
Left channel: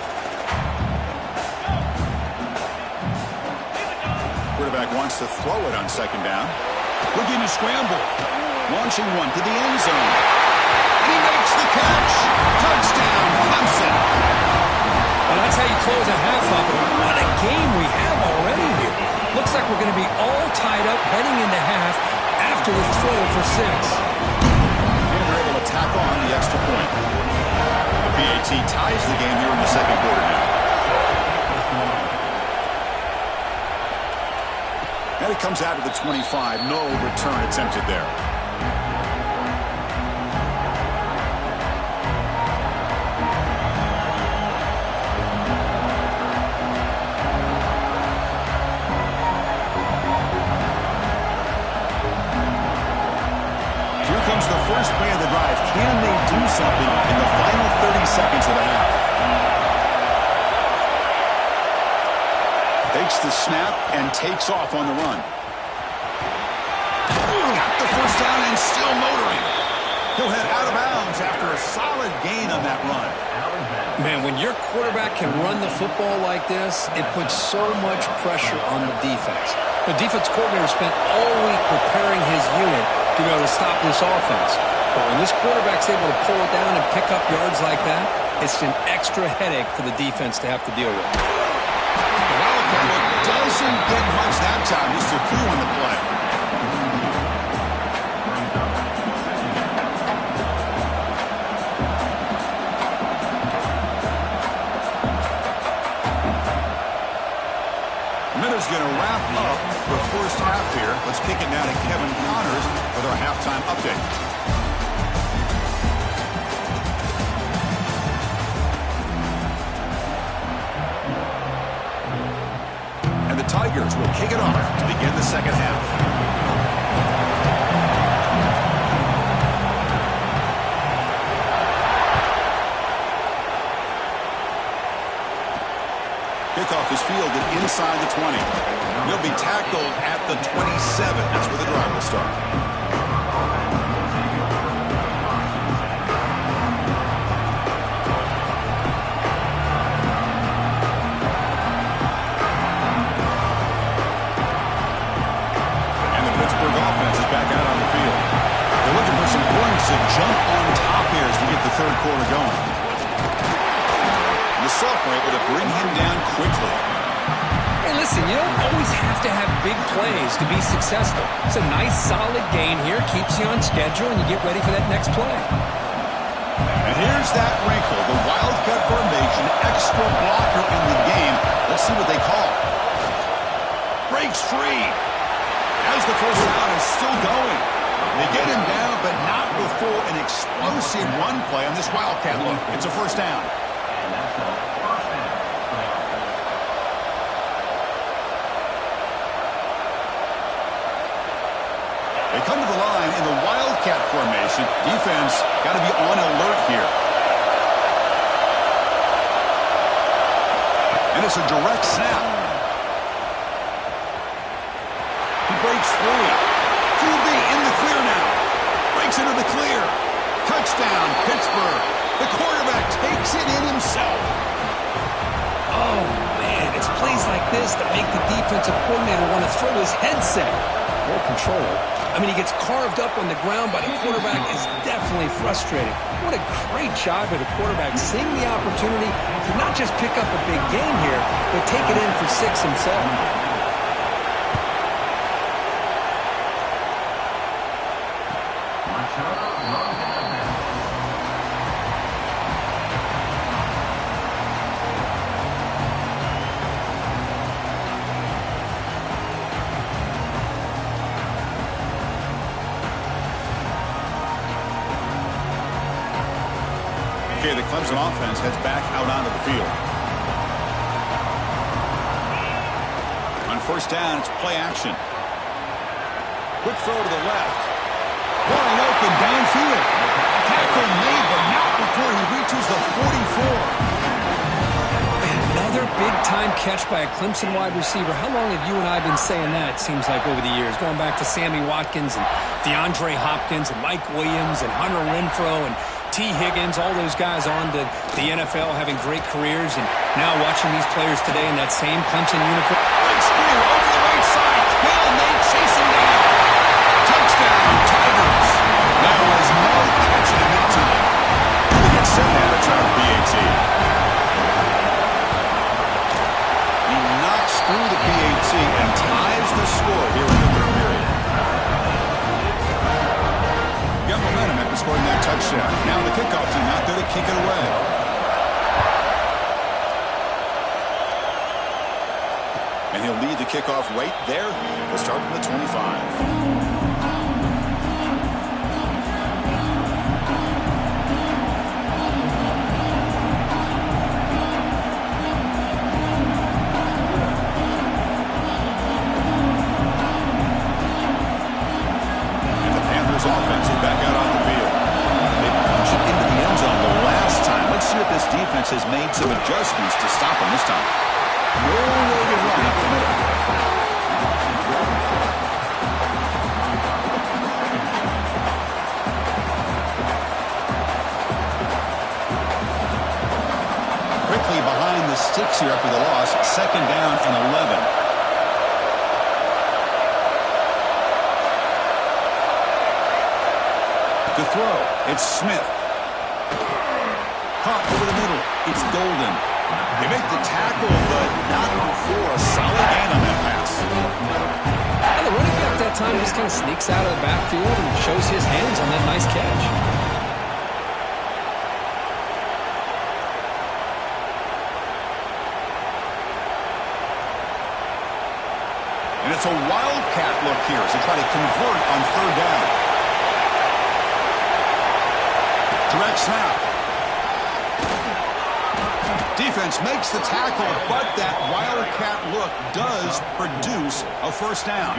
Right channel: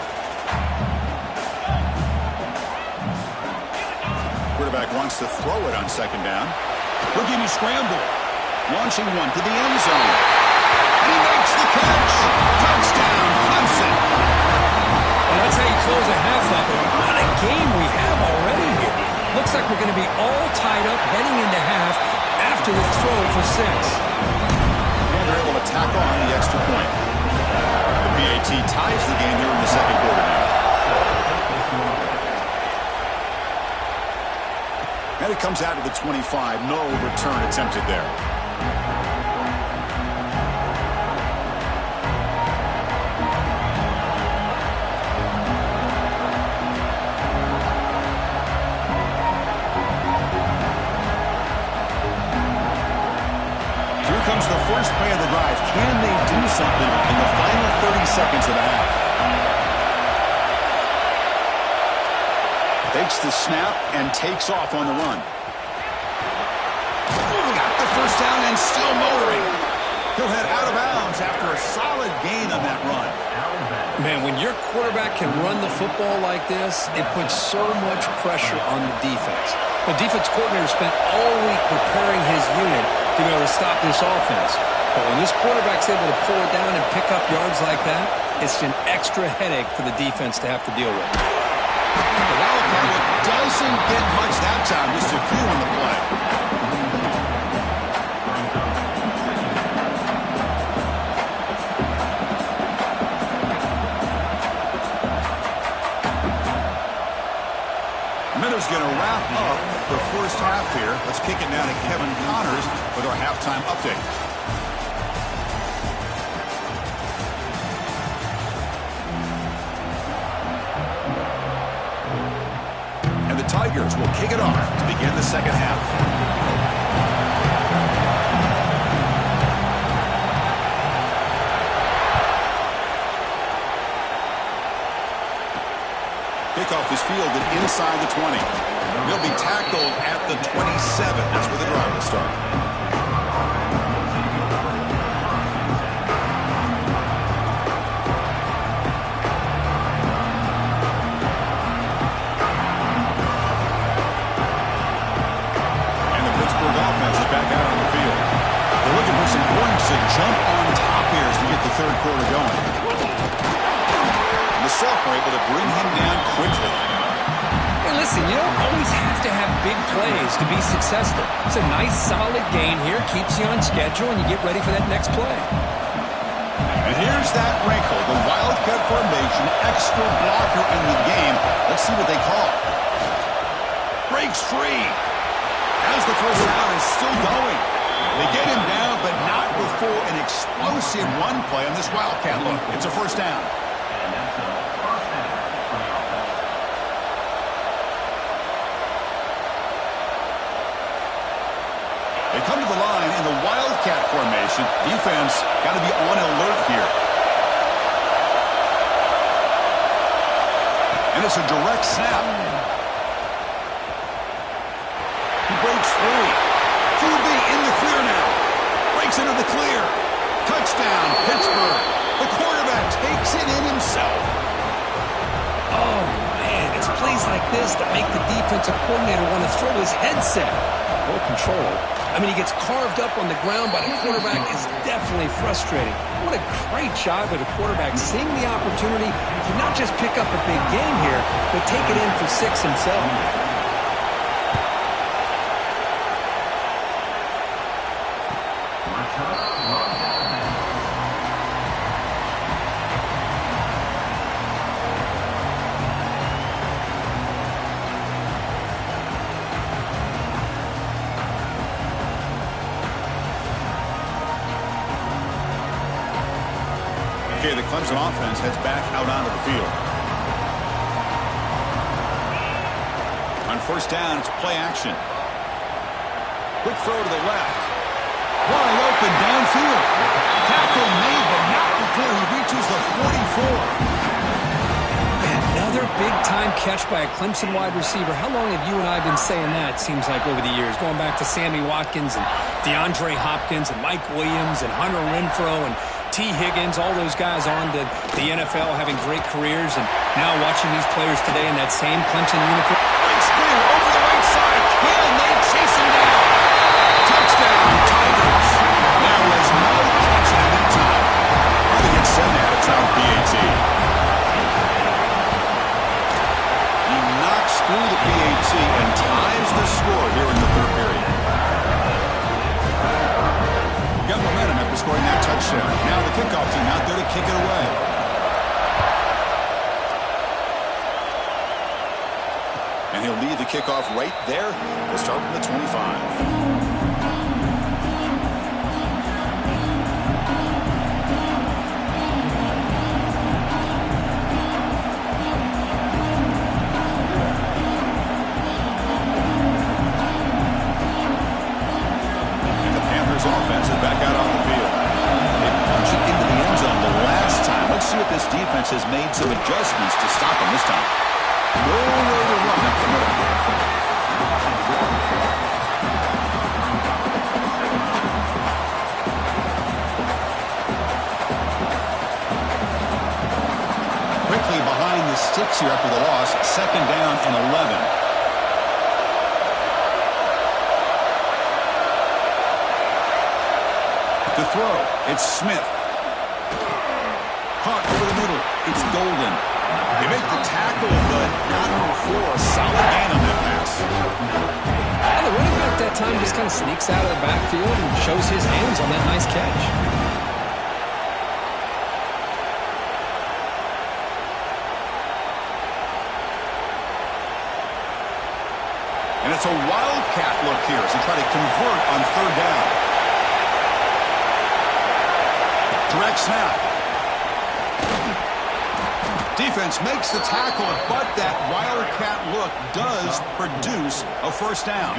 Quarterback wants to throw it on second down. Looking to scramble. Launching one to the end zone. And he makes the catch. Touchdown, Clemson. Well, that's how you close a half up. What a game we have already here. Looks like we're going to be all tied up heading into half after the throw for 6. And they're able to tack on the extra point. The PAT ties the game here in the second quarter now. And it comes out of the 25. No return attempted there. Comes the first play of the drive. Can they do something in the final 30 seconds of the half? Takes the snap and takes off on the run. Got the first down and still motoring. He'll head out of bounds after a solid gain on that run. Man, when your quarterback can run the football like this, it puts so much pressure on the defense. The defense coordinator spent all week preparing his unit to be able to stop this offense. But when this quarterback's able to pull it down and pick up yards like that, it's an extra headache for the defense to have to deal with. The Wildcat look doesn't get much that time, just a few on the play. Minutes going to wrap up the first half here. Let's kick it now to Kevin Connors with our halftime update. And the Tigers will kick it off to begin the second half. Kickoff is fielded inside the 20. He'll be tackled at the 27. That's where the drive will start. And the Pittsburgh offense is back out on the field. They're looking for some points to jump on top here as we get the third quarter going. The sophomore able to bring him down quickly. Hey, listen, you don't always have to have big plays to be successful. It's a nice, solid gain here. Keeps you on schedule, and you get ready for that next play. And here's that wrinkle. The wildcat formation, extra blocker in the game. Let's see what they call. Breaks free. As the first down is still going. They get him down, but not before an explosive run play on this wildcat look. It's a first down. And that's a first down for the offense. They come to the line in the wildcat formation. Defense got to be on alert here. And it's a direct snap. He breaks free. QB in the clear now. Breaks into the clear. Touchdown, Pittsburgh. The quarterback takes it in himself. Oh, man, it's plays like this that make the defensive coordinator want to throw his headset. More control. I mean, he gets carved up on the ground by the quarterback. Is definitely frustrating. What a great job by the quarterback seeing the opportunity to not just pick up a big gain here, but take it in for 6 himself. Okay, the Clemson offense heads back out onto the field. On first down, it's play action. Quick throw to the left. Wide open downfield. Tackle made, but not before he reaches the 44. Another big-time catch by a Clemson wide receiver. How long have you and I been saying that, it seems like, over the years? Going back to Sammy Watkins and DeAndre Hopkins and Mike Williams and Hunter Renfrow and T. Higgins, all those guys on to the NFL having great careers. And now watching these players today in that same Clemson uniform. Breaks clear over the right side. Hill, they chase him down. Touchdown, Tigers. There was no catching him in time. They get set now to try the PAT. He knocks through the PAT and ties the score here in the third period. Got momentum after scoring that touchdown. Now the kickoff team out there to kick it away. And he'll lead the kickoff right there. We'll start from the 25. Offense is back out on the field. They punch it into the end zone the last time. Let's see if this defense has made some adjustments to stop them this time. Nowhere to run up the middle. Quickly behind the sticks here after the loss. Second down and 11. To throw, it's Smith. Caught over the middle, it's Golden. They make the tackle, but not before a solid gain on that pass. And the running back that time just kind of sneaks out of the backfield and shows his hands on that nice catch. And it's a wildcat look here as they try to convert on third down. Direct snap. Defense makes the tackle, but that wildcat look does produce a first down.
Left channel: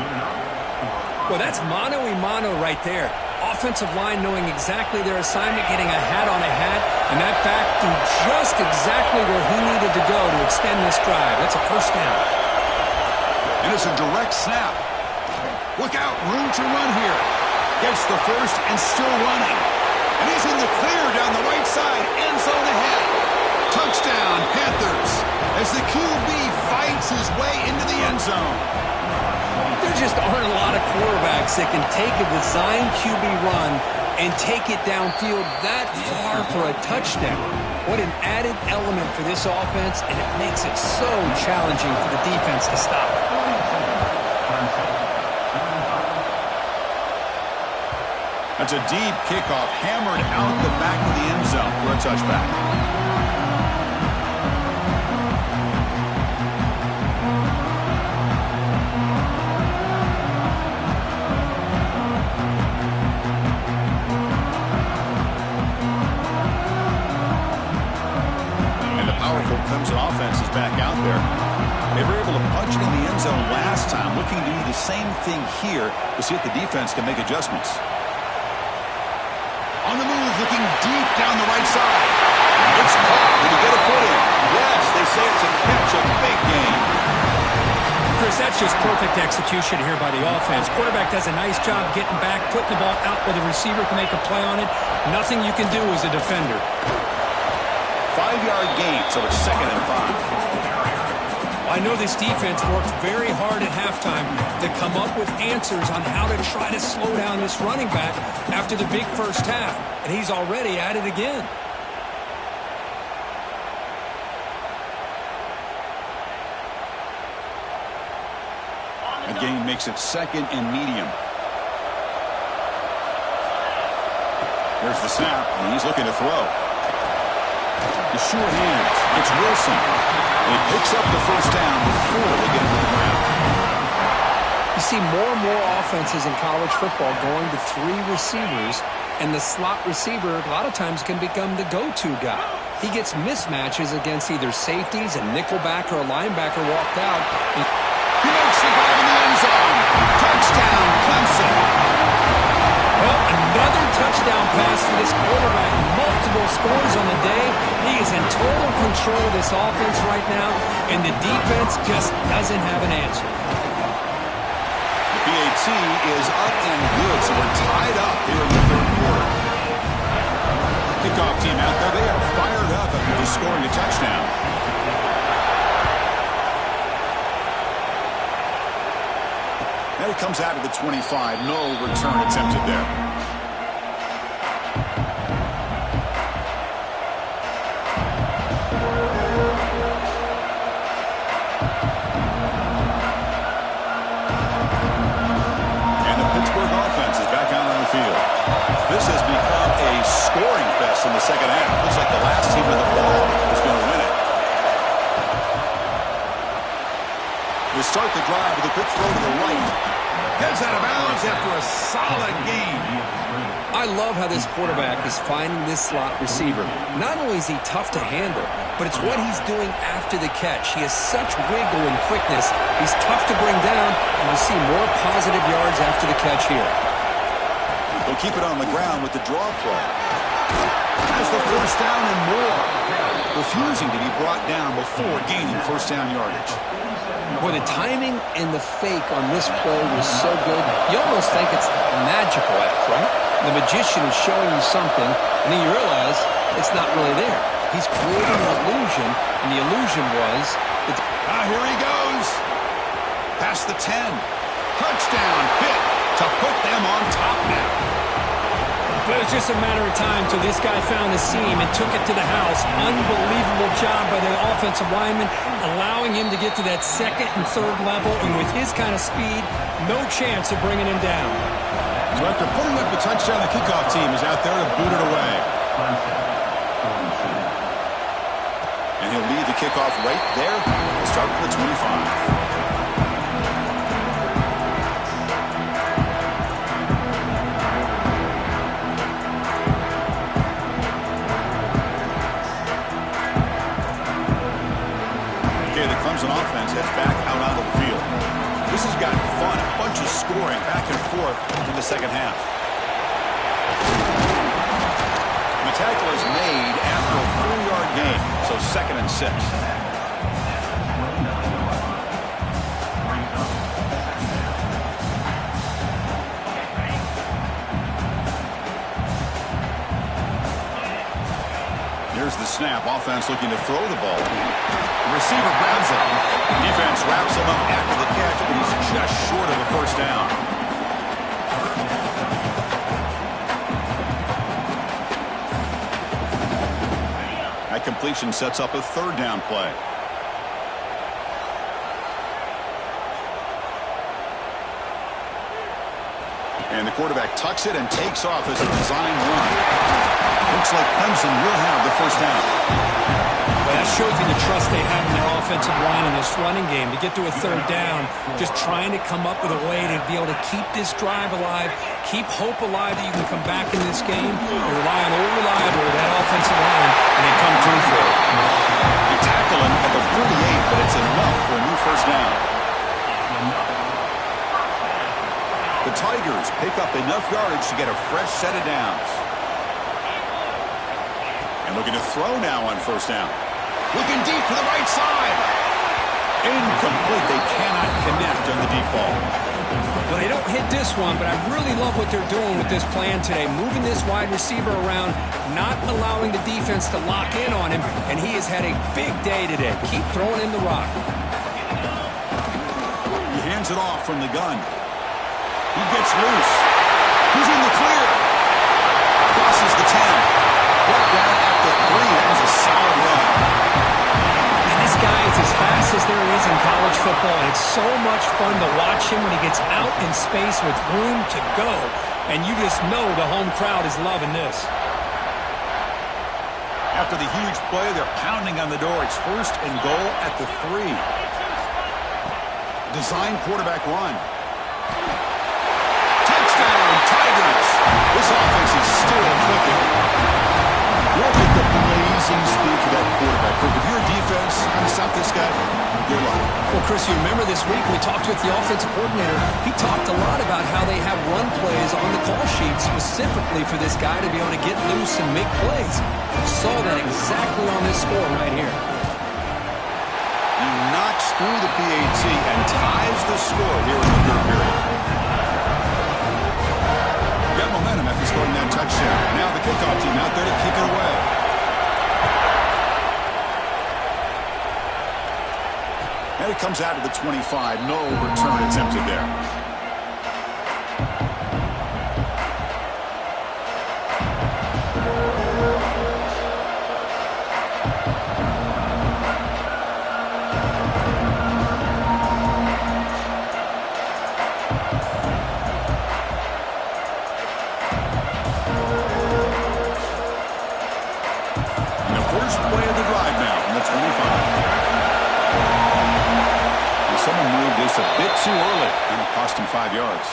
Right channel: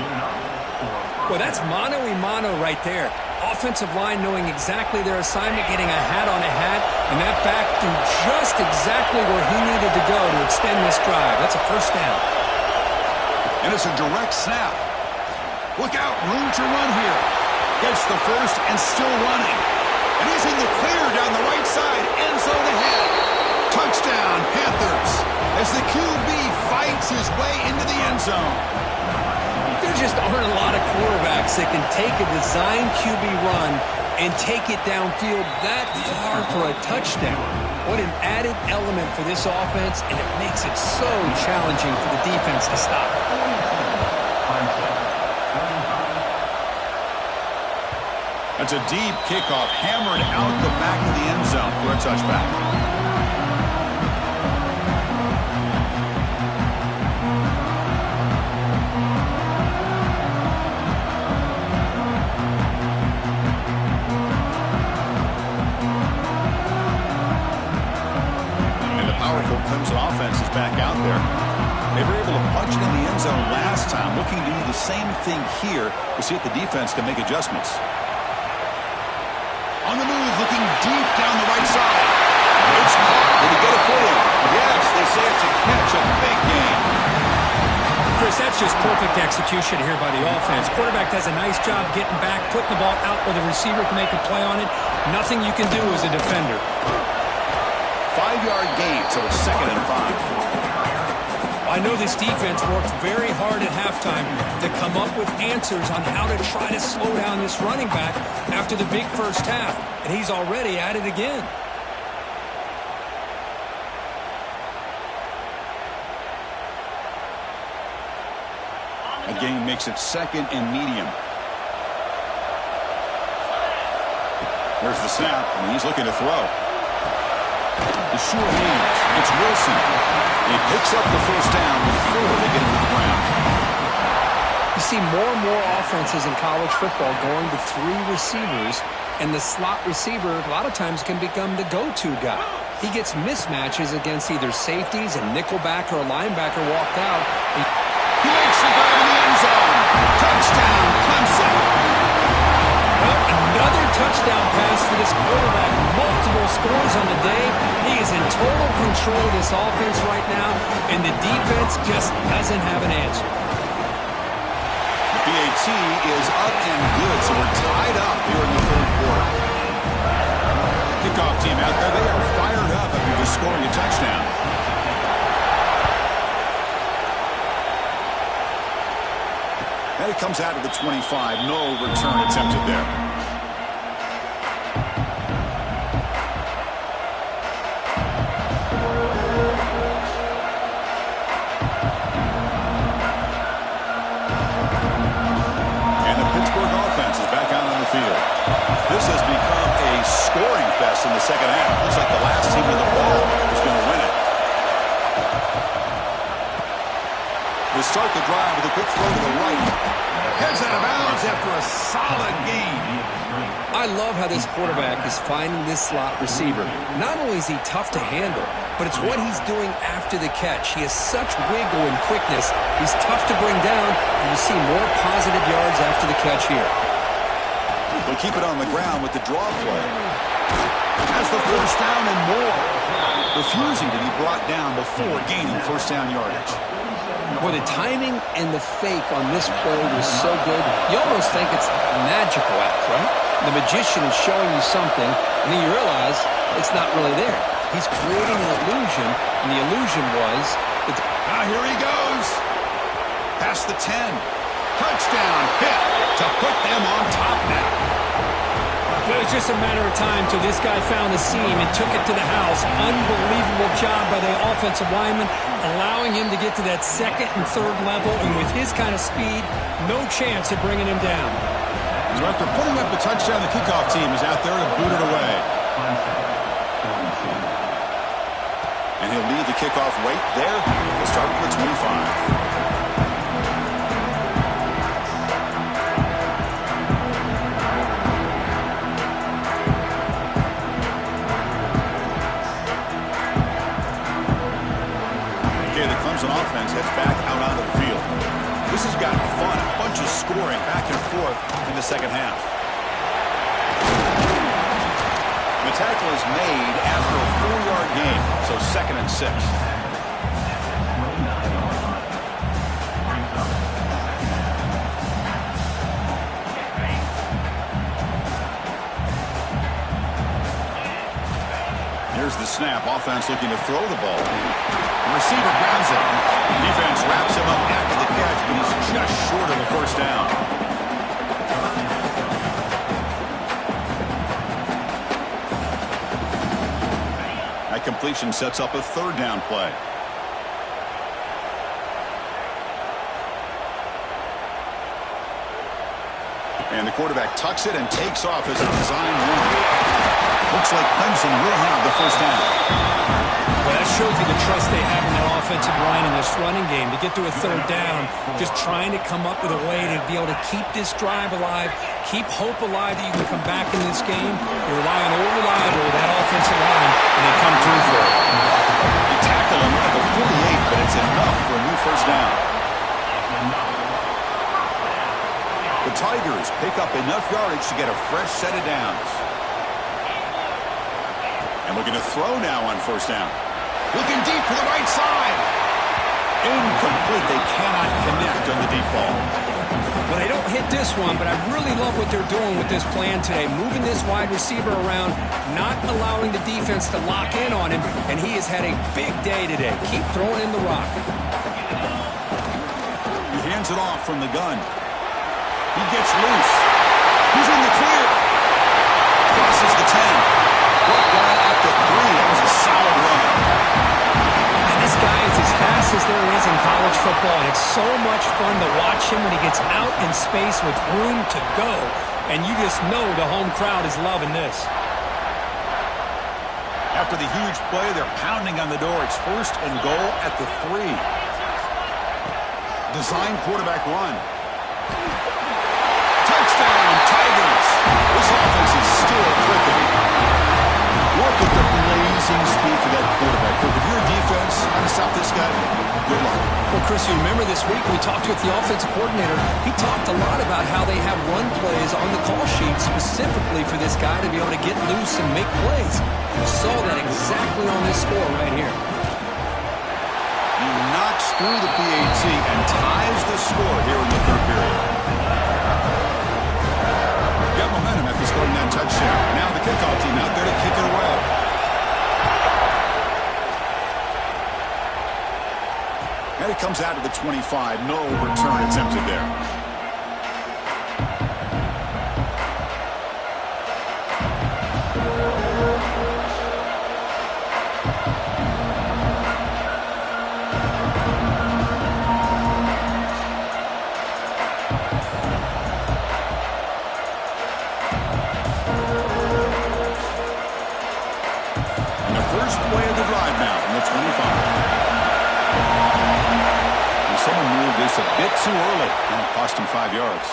Well, that's mano-a-mano right there. Offensive line knowing exactly their assignment, getting a hat on a hat, and that back threw just exactly where he needed to go to extend this drive. That's a first down. And it's a direct snap. Look out, room to run here. Gets the first and still running. And he's in the clear down the right side, end zone ahead. Touchdown, Panthers, as the QB fights his way into the end zone. There just aren't a lot of quarterbacks that can take a design QB run and take it downfield that far for a touchdown. What an added element for this offense, and it makes it so challenging for the defense to stop it. That's a deep kickoff, hammered out the back of the end zone for a touchback. Clemson offense is back out there. They were able to punch it in the end zone last time, looking to do the same thing here. We'll see if the defense can make adjustments. On the move, looking deep down the right side. It's caught. Did he get a foot in? Yes, they say it's a catch, a big gain. Chris, that's just perfect execution here by the offense. Quarterback does a nice job getting back, putting the ball out where the receiver can make a play on it. Nothing you can do as a defender. 5-yard gain, so it's 2nd and 5. I know this defense worked very hard at halftime to come up with answers on how to try to slow down this running back after the big first half, and he's already at it again. A gain makes it 2nd and medium. There's the snap, and he's looking to throw. The sure hands. It's Wilson. He picks up the first down before they get into the ground. You see more and more offenses in college football going to 3 receivers, and the slot receiver a lot of times can become the go-to guy. He gets mismatches against either safeties, a nickelback, or a linebacker walked out. He makes the grab in the end zone. Touchdown, Clemson. Well, another touchdown pass for this quarterback. Multiple scores on the day. He is in total control of this offense right now, and the defense just doesn't have an answer. The PAT is up and good, so we're tied up here in the third quarter. Kickoff team out there, they are fired up after just scoring a touchdown. And it comes out of the 25. No return attempted there. And the Pittsburgh offense is back out on the field. This has become a scoring fest in the second half. Looks like the last team with the ball is going to win it. They start the drive with a quick throw to the right. Heads out of bounds after a solid gain. I love how this quarterback is finding this slot receiver. Not only is he tough to handle, but it's what he's doing after the catch. He has such wiggle and quickness. He's tough to bring down, and you see more positive yards after the catch here. They'll keep it on the ground with the draw play. Has the first down and more. Refusing to be brought down before gaining first down yardage. Boy, the timing and the fake on this play was so good. You almost think it's a magical act, right? The magician is showing you something, and then you realize it's not really there. He's creating an illusion, and the illusion was... here he goes. Past the 10. Touchdown hit to put them on top now. It was just a matter of time till this guy found the seam and took it to the house. Unbelievable job by the offensive lineman, allowing him to get to that second and third level, and with his kind of speed, no chance of bringing him down. So after putting up the touchdown, the kickoff team is out there to boot it away. And he'll lead the kickoff right there. We'll start with the 25. comes an offense, heads back out onto the field. This has gotten fun, a bunch of scoring back and forth in the second half. And the tackle is made after a 4-yard gain, so 2nd and 6. Here's the snap. Offense looking to throw the ball. The receiver grabs it. Defense wraps him up after the catch, but he's just short of a first down. That completion sets up a 3rd down play. And the quarterback tucks it and takes off as a design run. Looks like Clemson will have the first down. Well, that shows you the trust they have in their offensive line and this running game. To get to a 3rd down, just trying to come up with a way to be able to keep this drive alive, keep hope alive that you can come back in this game. You rely on old reliable, that offensive line, and they come through for it. They tackle him at the 48, but it's enough for a new first down. The Tigers pick up enough yardage to get a fresh set of downs. And looking to throw now on first down. Looking deep to the right side. Incomplete. They cannot connect on the deep ball. Well, they don't hit this one, but I really love what they're doing with this plan today. Moving this wide receiver around, not allowing the defense to lock in on him, and he has had a big day today. Keep throwing him the rock. He hands it off from the gun. He gets loose. He's in the clear. Crosses the 10. Brought down at the 3. That was a solid run. And this guy is as fast as there is in college football, and it's so much fun to watch him when he gets out in space with room to go. And you just know the home crowd is loving this. After the huge play, they're pounding on the door. It's 1st and goal at the 3. Design quarterback run. Touchdown, Tigers. This offense is still clicking. Look at the blazing speed for that quarterback. If you're a defense, trying to stop this guy, good luck. Well, Chris, you remember this week we talked with the offensive coordinator. He talked a lot about how they have run plays on the call sheet specifically for this guy to be able to get loose and make plays. You saw that exactly on this score right here. He knocks through the PAT and ties the score here in the 3rd period. Got momentum after scoring that touchdown. Now the kickoff team out there to kick it away. And it comes out of the 25. No return attempted there. First play of the drive now from the 25. And someone moved this a bit too early, and it cost him 5 yards.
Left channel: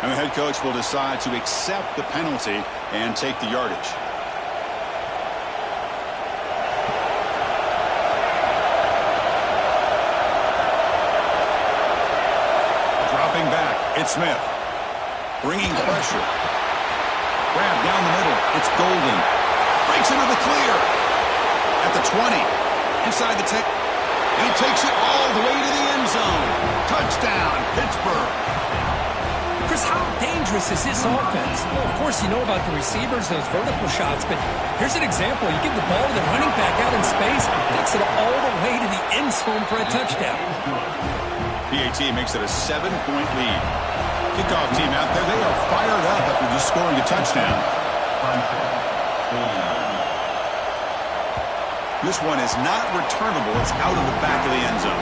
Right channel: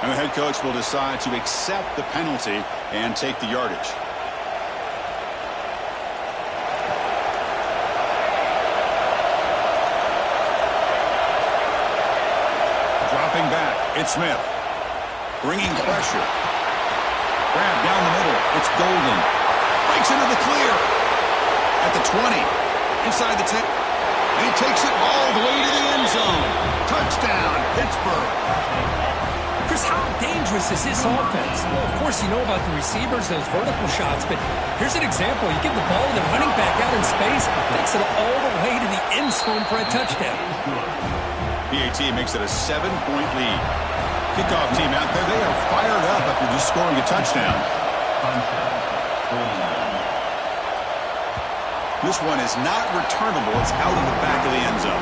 And the head coach will decide to accept the penalty and take the yardage. Dropping back, it's Smith. Bringing pressure. Grab down the middle, it's Golden. Breaks into the clear. At the 20, inside the 10, and he takes it all the way to the end zone. Touchdown, Pittsburgh. Chris, how dangerous is this offense? Well, of course, you know about the receivers, those vertical shots, but here's an example. You give the ball to the running back out in space, takes it all the way to the end zone for a touchdown. PAT makes it a 7-point lead. Kickoff team out there, they are fired up after just scoring a touchdown. This one is not returnable. It's out of the back of the end zone.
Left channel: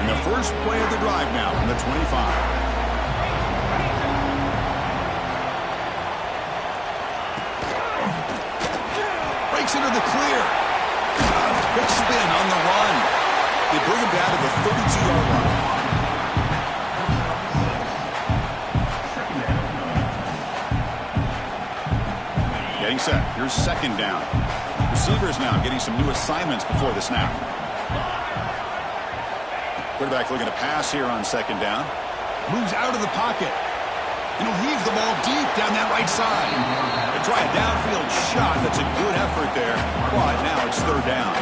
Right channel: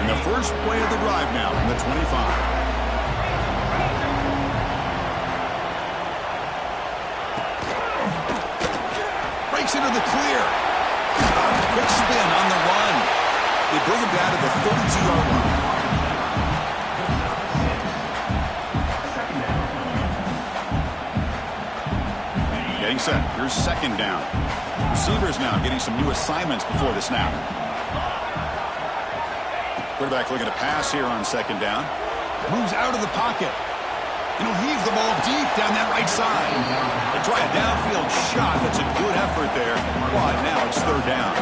And the first play of the drive now from the 25. Into the clear. Quick spin on the run. They bring him down to the 32-yard line. Getting set. Here's second down. Receivers now getting some new assignments before the snap. Quarterback looking to pass here on second down. Moves out of the pocket. And he'll heave the ball deep down that right side. They try a downfield shot. That's a good effort there. But now it's third down.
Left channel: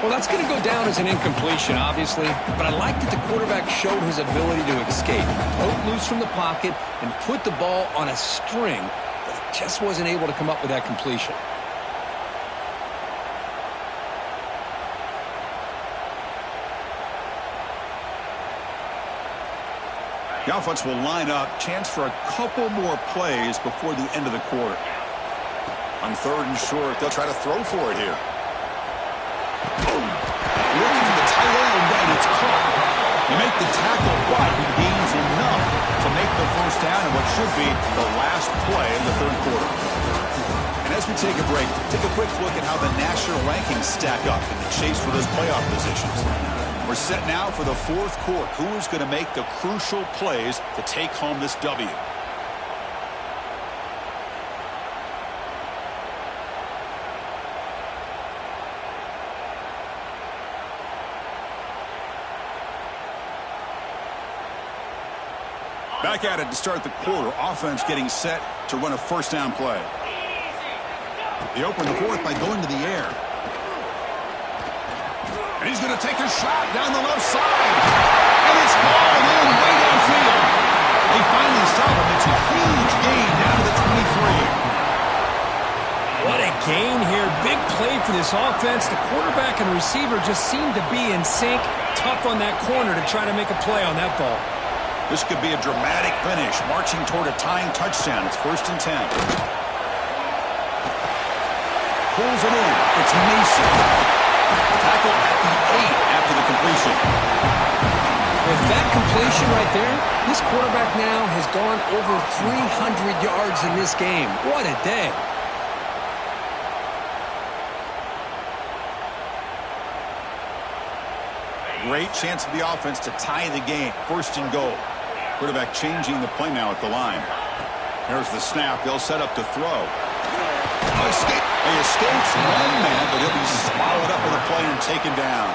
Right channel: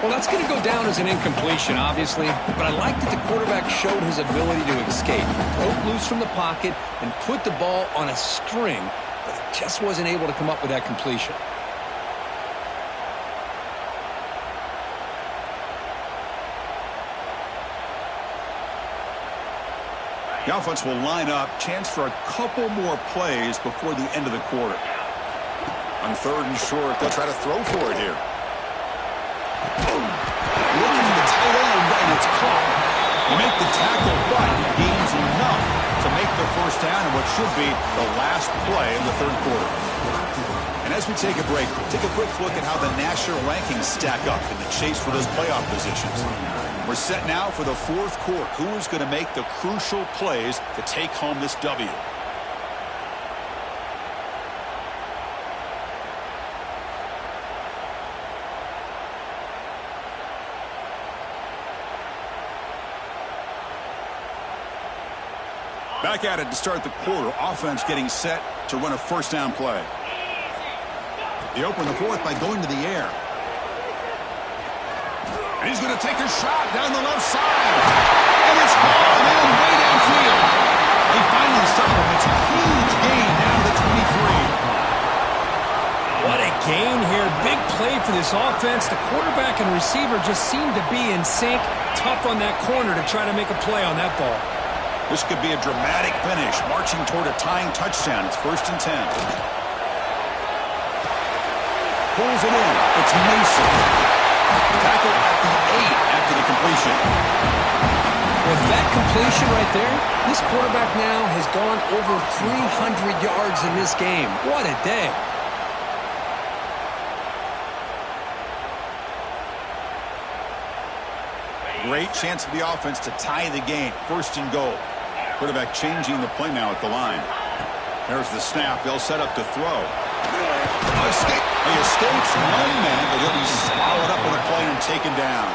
Well, that's going to go down as an incompletion, obviously. But I like that the quarterback showed his ability to escape. Broke loose from the pocket and put the ball on a string. But he just wasn't able to come up with that completion. The offense will line up. Chance for a couple more plays before the end of the quarter. On third and short, they'll try to throw for it here. Looking for the tight end, and it's caught. You make the tackle, but he gains enough to make the first down in what should be the last play of the third quarter. And as we take a break, take a quick look at how the national rankings stack up in the chase for those playoff positions. We're set now for the fourth quarter. Who is going to make the crucial plays to take home this W? Back at it to start the quarter. Offense getting set to run a first down play. They open the fourth by going to the air. And he's going to take a shot down the left side. And it's hauled in way downfield. They finally stop him. It's a huge gain down to the 23. What a gain here. Big play for this offense. The quarterback and receiver just seem to be in sync. Tough on that corner to try to make a play on that ball. This could be a dramatic finish, marching toward a tying touchdown. It's 1st and 10. Pulls it in. It's Mason. Tackle at the 8 after the completion. With that completion right there, this quarterback now has gone over 300 yards in this game. What a day. Great chance for the offense to tie the game. 1st and goal. Quarterback changing the play now at the line. There's the snap. They'll set up to throw. He escapes one man, but he'll be swallowed up with a play and taken down.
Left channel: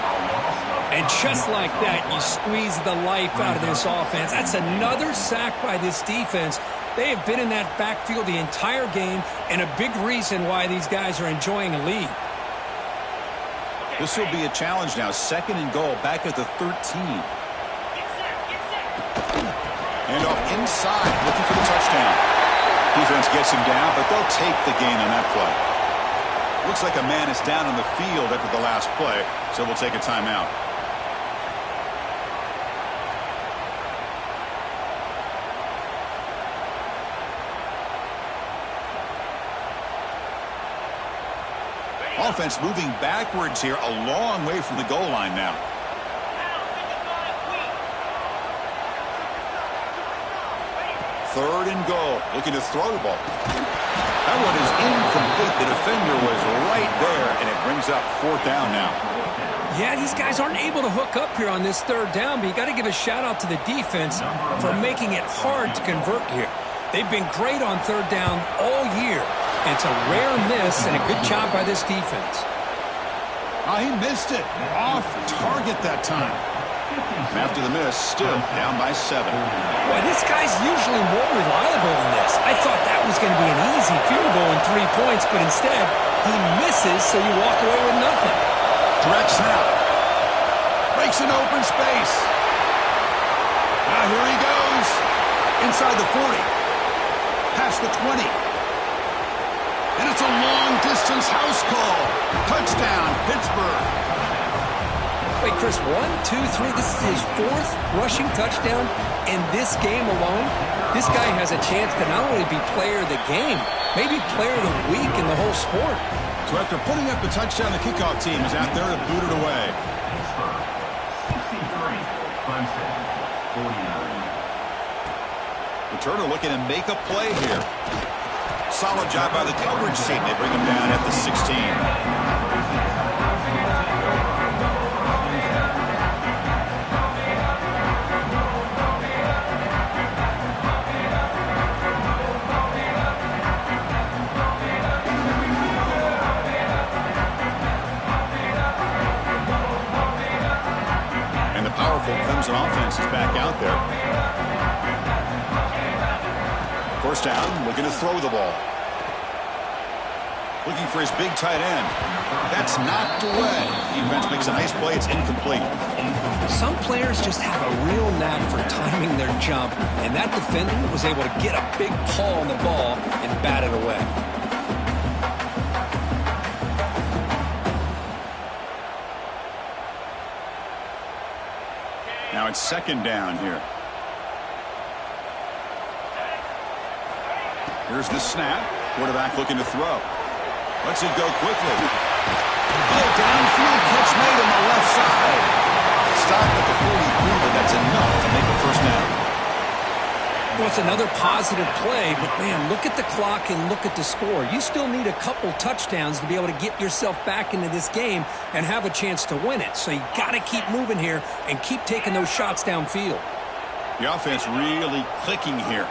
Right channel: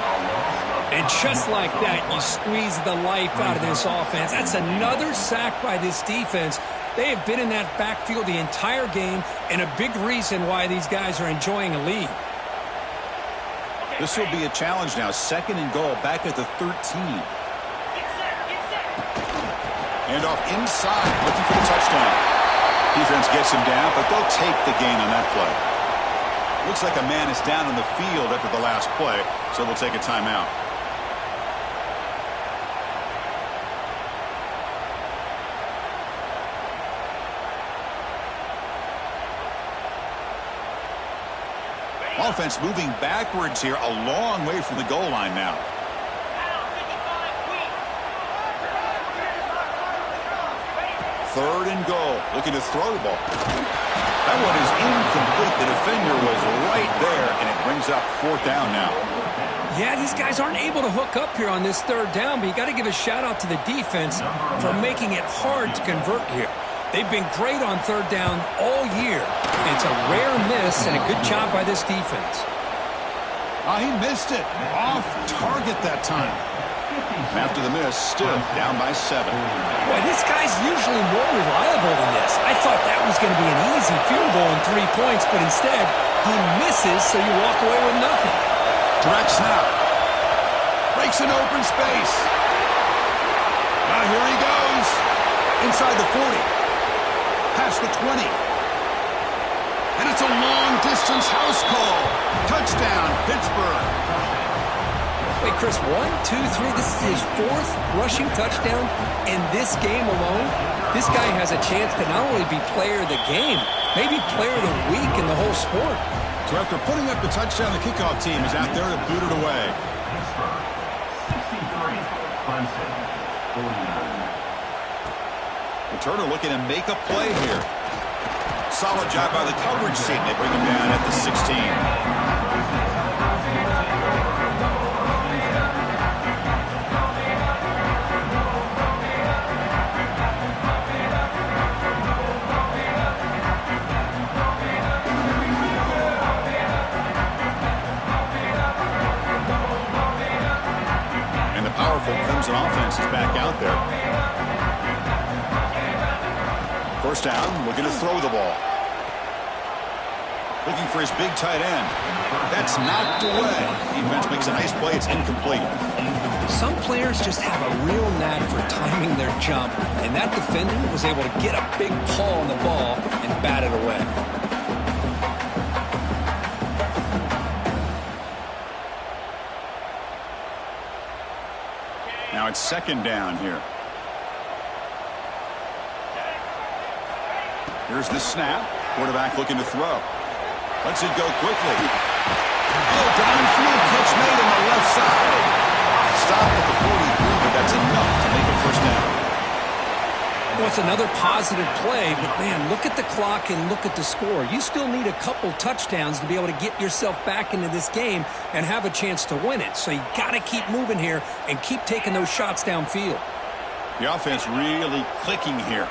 And just like that, you squeeze the life out of this offense. That's another sack by this defense. They have been in that backfield the entire game, and a big reason why these guys are enjoying a lead. This will be a challenge now. 2nd and goal, back at the 13. And off inside, looking for the touchdown. Defense gets him down, but they'll take the gain on that play. Looks like a man is down on the field after the last play, so we'll take a timeout. Offense moving backwards here, a long way from the goal line now. Third and goal, looking to throw the ball. That one is incomplete. The defender was right there, and it brings up 4th down now. Yeah, these guys aren't able to hook up here on this 3rd down, but you got to give a shout out to the defense for making it hard to convert here. They've been great on 3rd down all year. It's a rare miss and a good job by this defense. He missed it. Off target that time. After the miss, still down by 7. Boy, this guy's usually more reliable than this. I thought that was going to be an easy field goal and 3 points, but instead, he misses, so you walk away with nothing. Direct snap. Breaks an open space. Now here he goes. Inside the 40. Past the 20. And it's a long-distance house call. Touchdown, Pittsburgh. Wait, Chris, 1, 2, 3. This is his 4th rushing touchdown in this game alone. This guy has a chance to not only be player of the game, maybe player of the week in the whole sport. So after putting up the touchdown, the kickoff team is out there to boot it away. 63, Clemson, 49. Returner looking to make a play here. Solid job by the coverage team. They bring him down at the 16. powerful Clemson offense is back out there. First down, looking to throw the ball. Looking for his big tight end. That's knocked away. Defense makes a nice play. It's incomplete. Some players just have a real knack for timing their jump, and that defender was able to get a big paw on the ball and bat it away. Now it's second down here. Here's the snap. Quarterback looking to throw. Lets it go quickly. Oh, downfield catch made on the left side. Stopped at the 43, but that's enough to make a first down. Well, it's another positive play, but, man, look at the clock and look at the score. You still need a couple touchdowns to be able to get yourself back into this game and have a chance to win it. So you got to keep moving here and keep taking those shots downfield. The offense really clicking here.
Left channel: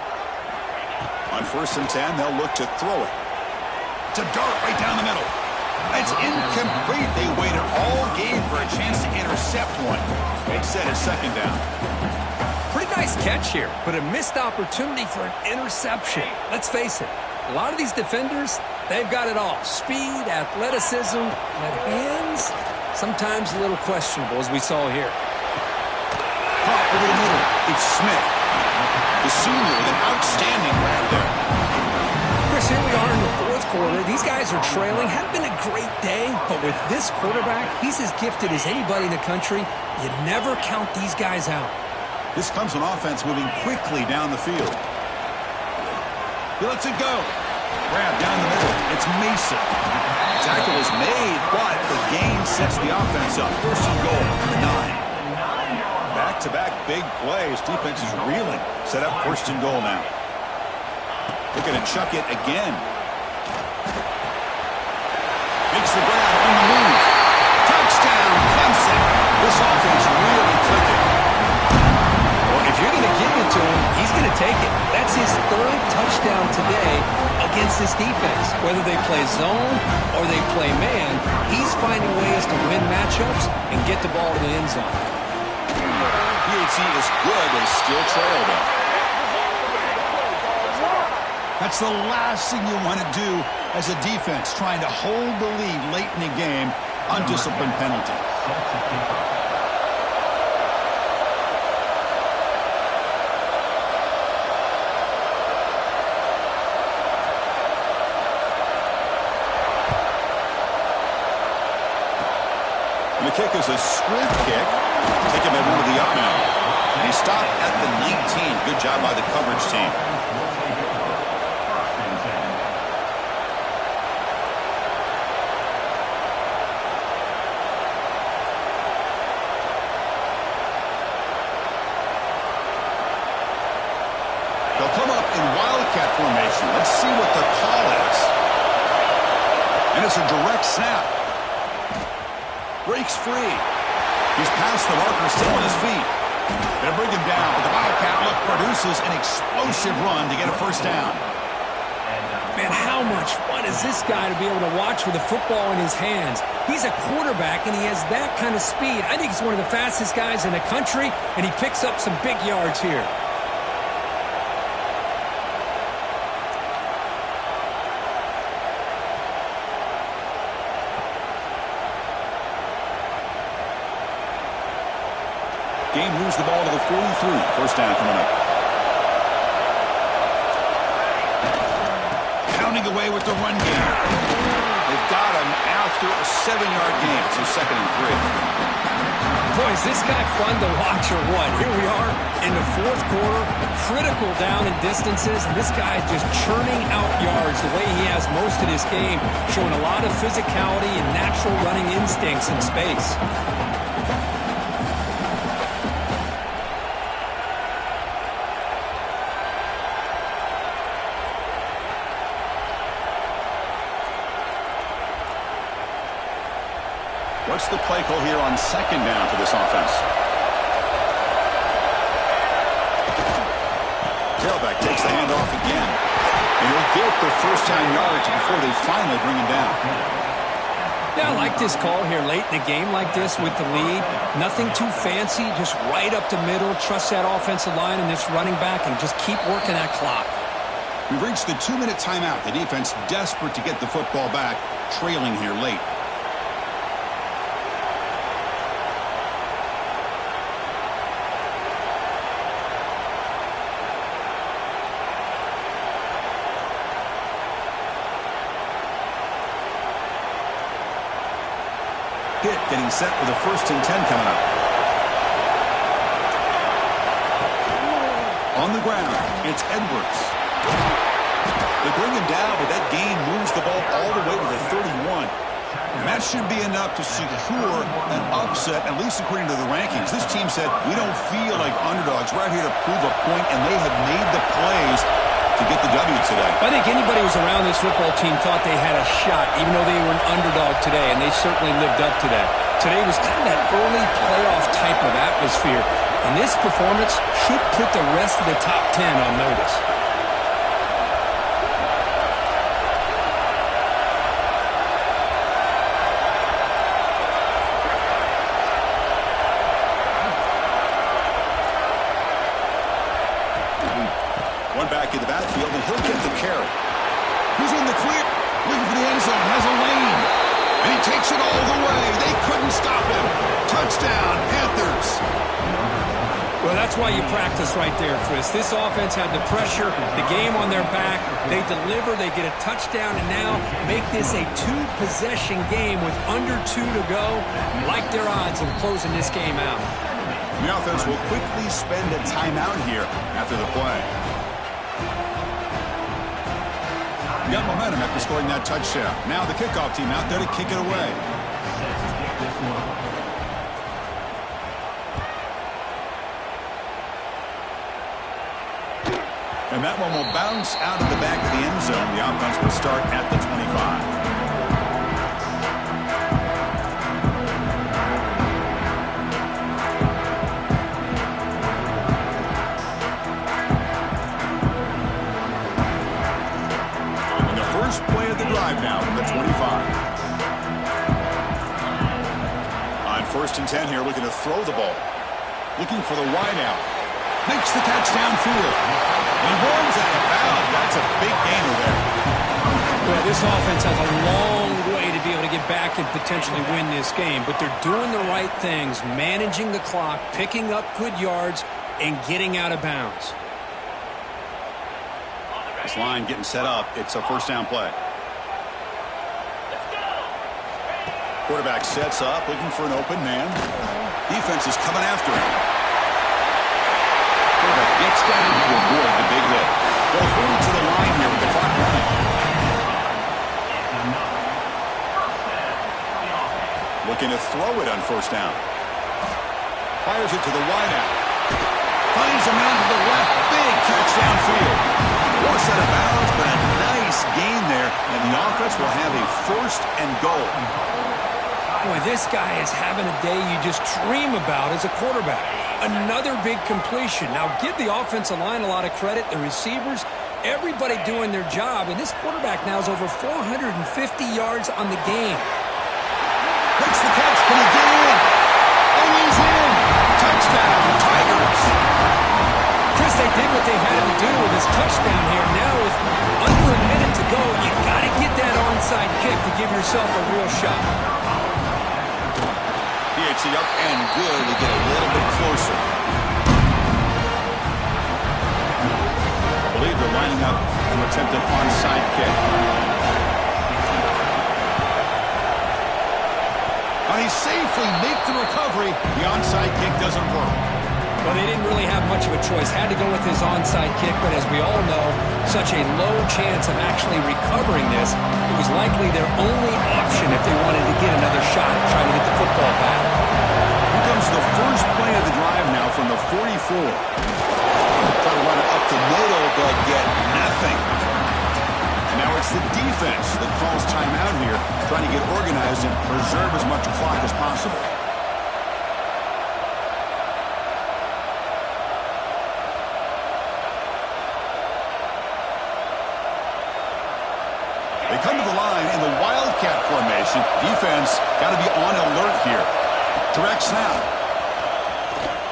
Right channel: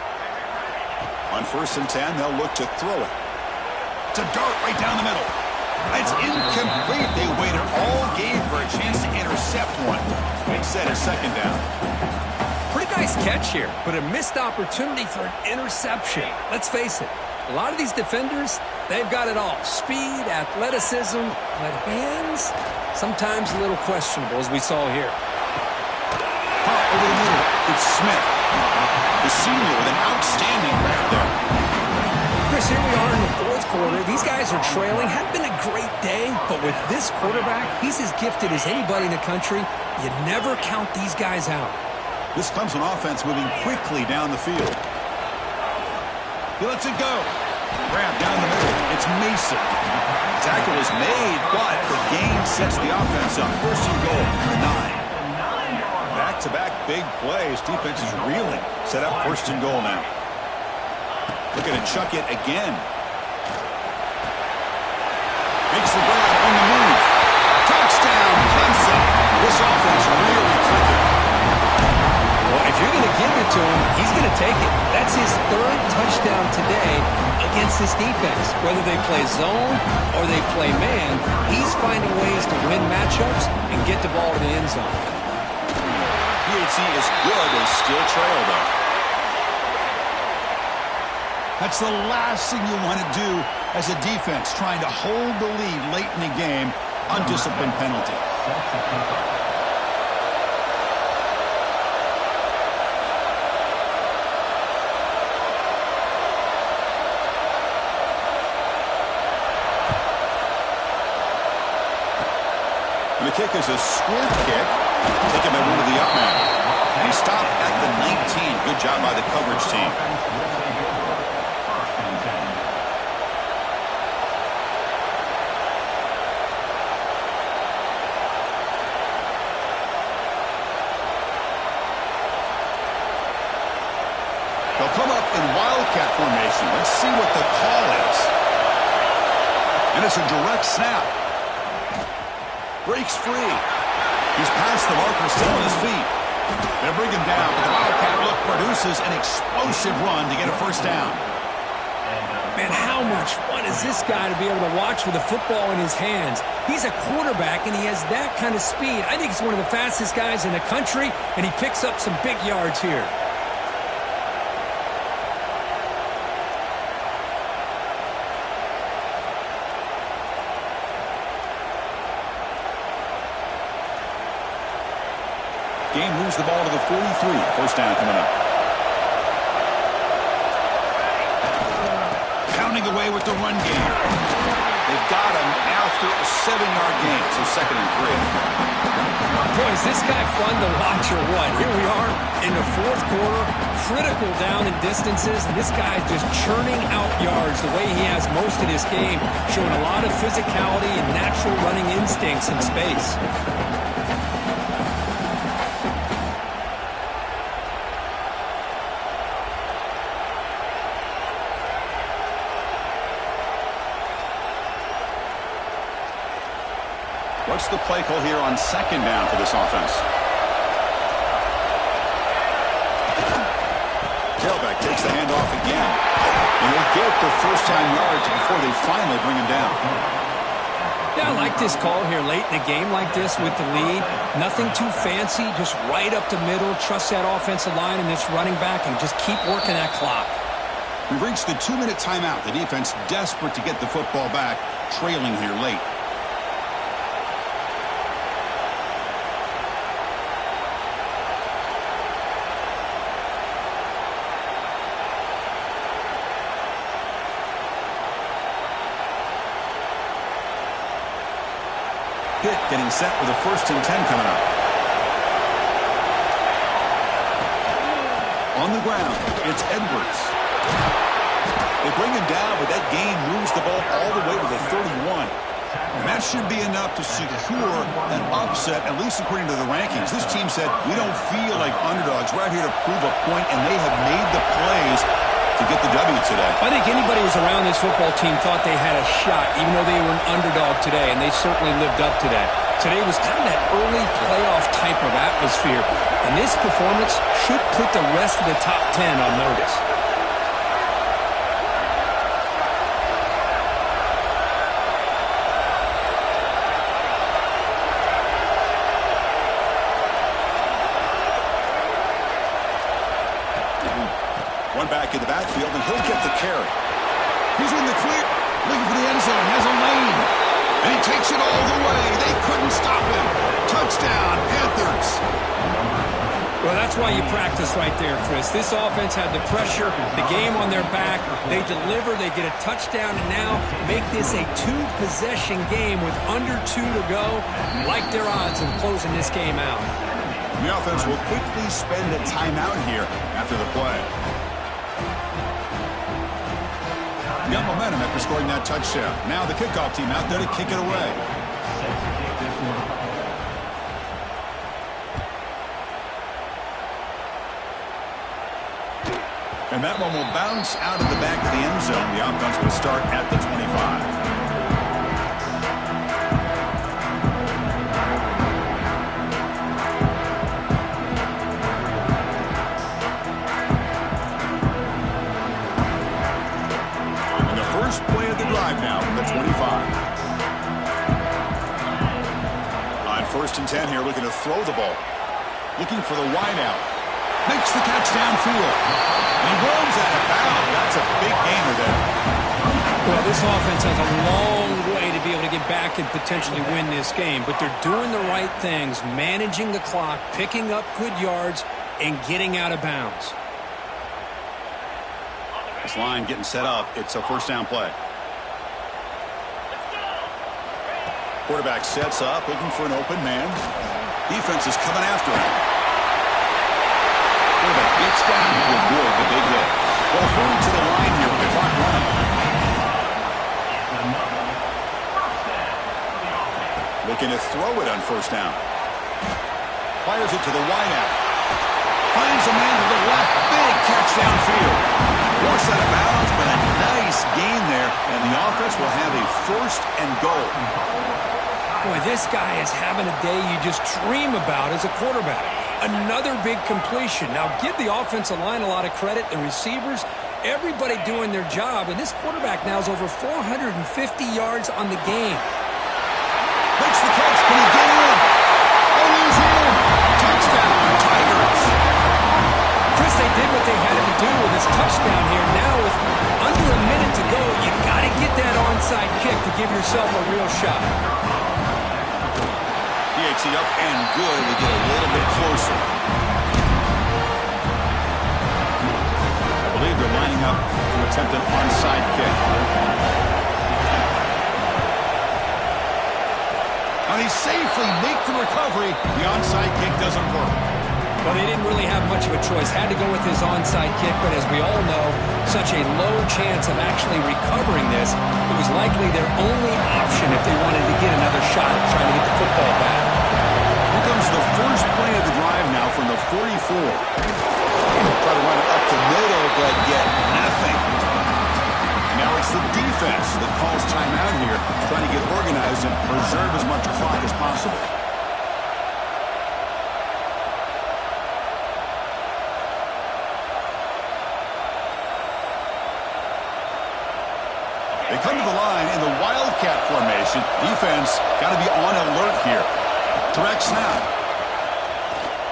On 1st and 10, they'll look to throw it. It's a dart right down the middle. It's incomplete. They waited all game for a chance to intercept one. They set a second down. Pretty nice catch here, but a missed opportunity for an interception. Let's face it, a lot of these defenders, they've got it all. Speed, athleticism, but hands, sometimes a little questionable, as we saw here. Caught over the middle. It's Smith, the senior, with an outstanding grab there. Chris, here we are in the 4th quarter. These guys are trailing. Hadn't been a great day, but with this quarterback, he's as gifted as anybody in the country. You never count these guys out. This Clemson offense moving quickly down the field. He lets it go. Grab down the middle. It's Mason. Tackle is made, but the gain sets the offense up. 1st and goal, the 9. Back-to-back big plays. Defense is reeling. Set up 1st and goal now. Looking to chuck it again. Makes the grab on the move. Touchdown, Clemson. This offense really clicking. Well, if you're going to give it to him, he's going to take it. That's his 3rd touchdown today against this defense. Whether they play zone or they play man, he's finding ways to win matchups and get the ball to the end zone. PHC is good. They still trail, though. That's the last thing you want to do as a defense, trying to hold the lead late in the game. Undisciplined penalty. And the kick is a squib kick, taken by one of the up men. And he stopped at the 19. Good job by the coverage team. They'll come up in wildcat formation. Let's see what the call is. And it's a direct snap. Breaks free. He's past the marker, still on his feet. They'll bring him down, but the wildcat look produces an explosive run to get a first down. Man, how much fun is this guy to be able to watch with the football in his hands? He's a quarterback, and he has that kind of speed. I think he's one of the fastest guys in the country, and he picks up some big yards here. Game moves the ball to the 43. First down coming up. Pounding away with the run game. They've got him after a 7-yard gain, so 2nd and 3. Boy, is this guy fun to watch or what? Here we are in the 4th quarter, critical down in distances, and this guy just churning out yards the way he has most of this game, showing a lot of physicality and natural running instincts in space. What's the play call here on 2nd down for this offense? Tailback takes the handoff again. And he'll get the first down yards before they finally bring him down. Yeah, I like this call here late in the game like this with the lead. Nothing too fancy, just right up the middle. Trust that offensive line and this running back and just keep working that clock. We've reached the 2-minute timeout. The defense desperate to get the football back, trailing here late. Getting set with a 1st and 10 coming up. On the ground, it's Edwards. They bring him down, but that gain moves the ball all the way to the 31. And that should be enough to secure an upset, at least according to the rankings. This team said, we don't feel like underdogs. We're out here to prove a point, and they have made the plays to get the W today. I think anybody who was around this football team thought they had a shot, even though they were an underdog today, and they certainly lived up to that. Today was kind of that early playoff type of atmosphere, and this performance should put the rest of the top 10 on notice. One back in the backfield, and he'll get the carry. He's in the clear, looking for the end zone, has a lane, and he takes it all the way. They couldn't stop him. Touchdown, Panthers. Well, that's why you practice right there, Chris. This offense had the pressure, the game on their back. They deliver, they get a touchdown, and now make this a 2-possession game with under 2 to go. Like their odds of closing this game out. The offense will quickly spend a timeout here after the play. Got momentum after scoring that touchdown. Now the kickoff team out there to kick it away. And that one will bounce out of the back of the end zone. The offense will start at the 25. Play of the drive now from the 25. On 1st and 10 here, looking to throw the ball. Looking for the wide out. Makes the catch downfield. And he runs out of bounds. That's a big gainer there. Well, this offense has a long way to be able to get back and potentially win this game, but they're doing the right things, managing the clock, picking up good yards, and getting out of bounds. This line getting set up. It's a 1st down play. Quarterback sets up, looking for an open man. Defense is coming after him. Quarterback gets down to avoid the big hit. They'll hurry to the line here with the clock running. Looking to throw it on 1st down. Fires it to the wideout. Finds a man to the left. Big catch downfield. Force out of bounds, but a nice gain there, and the offense will have a 1st and goal. Boy, this guy is having a day you just dream about as a quarterback. Another big completion. Now, give the offensive line a lot of credit, the receivers, everybody doing their job, and this quarterback now is over 450 yards on the game. Makes the catch. Can he get in? And he's in. Touchdown, Tigers. Chris, they did what they had to do with his touchdown here. Now with under a minute to go, you got to get that onside kick to give yourself a real shot. DHC up and good to get a little bit closer. I believe they're lining up to attempt an onside kick. And he safely makes the recovery. The onside kick doesn't work. Well, they didn't really have much of a choice. Had to go with his onside kick, but as we all know, such a low chance of actually recovering this. It was likely their only option if they wanted to get another shot at trying to get the football back. Here comes the first play of the drive now from the 44. Try to run it up the middle, but get nothing. And now it's the defense that calls timeout here, trying to get organized and preserve as much clock as possible. They come to the line in the Wildcat formation. Defense got to be on alert here. Direct snap.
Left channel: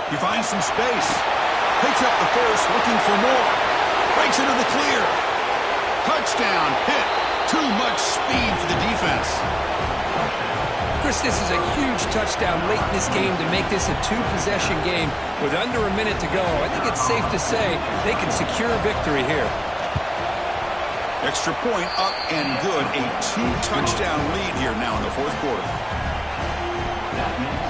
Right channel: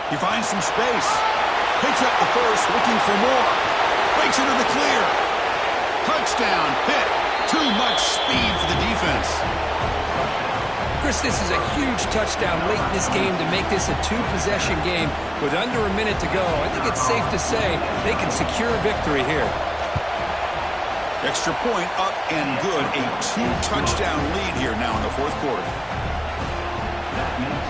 He finds some space. Picks up the first, looking for more. Breaks into the clear. Touchdown, hit. Too much speed for the defense. Chris, this is a huge touchdown late in this game to make this a two-possession game with under a minute to go. I think it's safe to say they can secure victory here. Extra point up and good. A two-touchdown lead here now in the fourth quarter.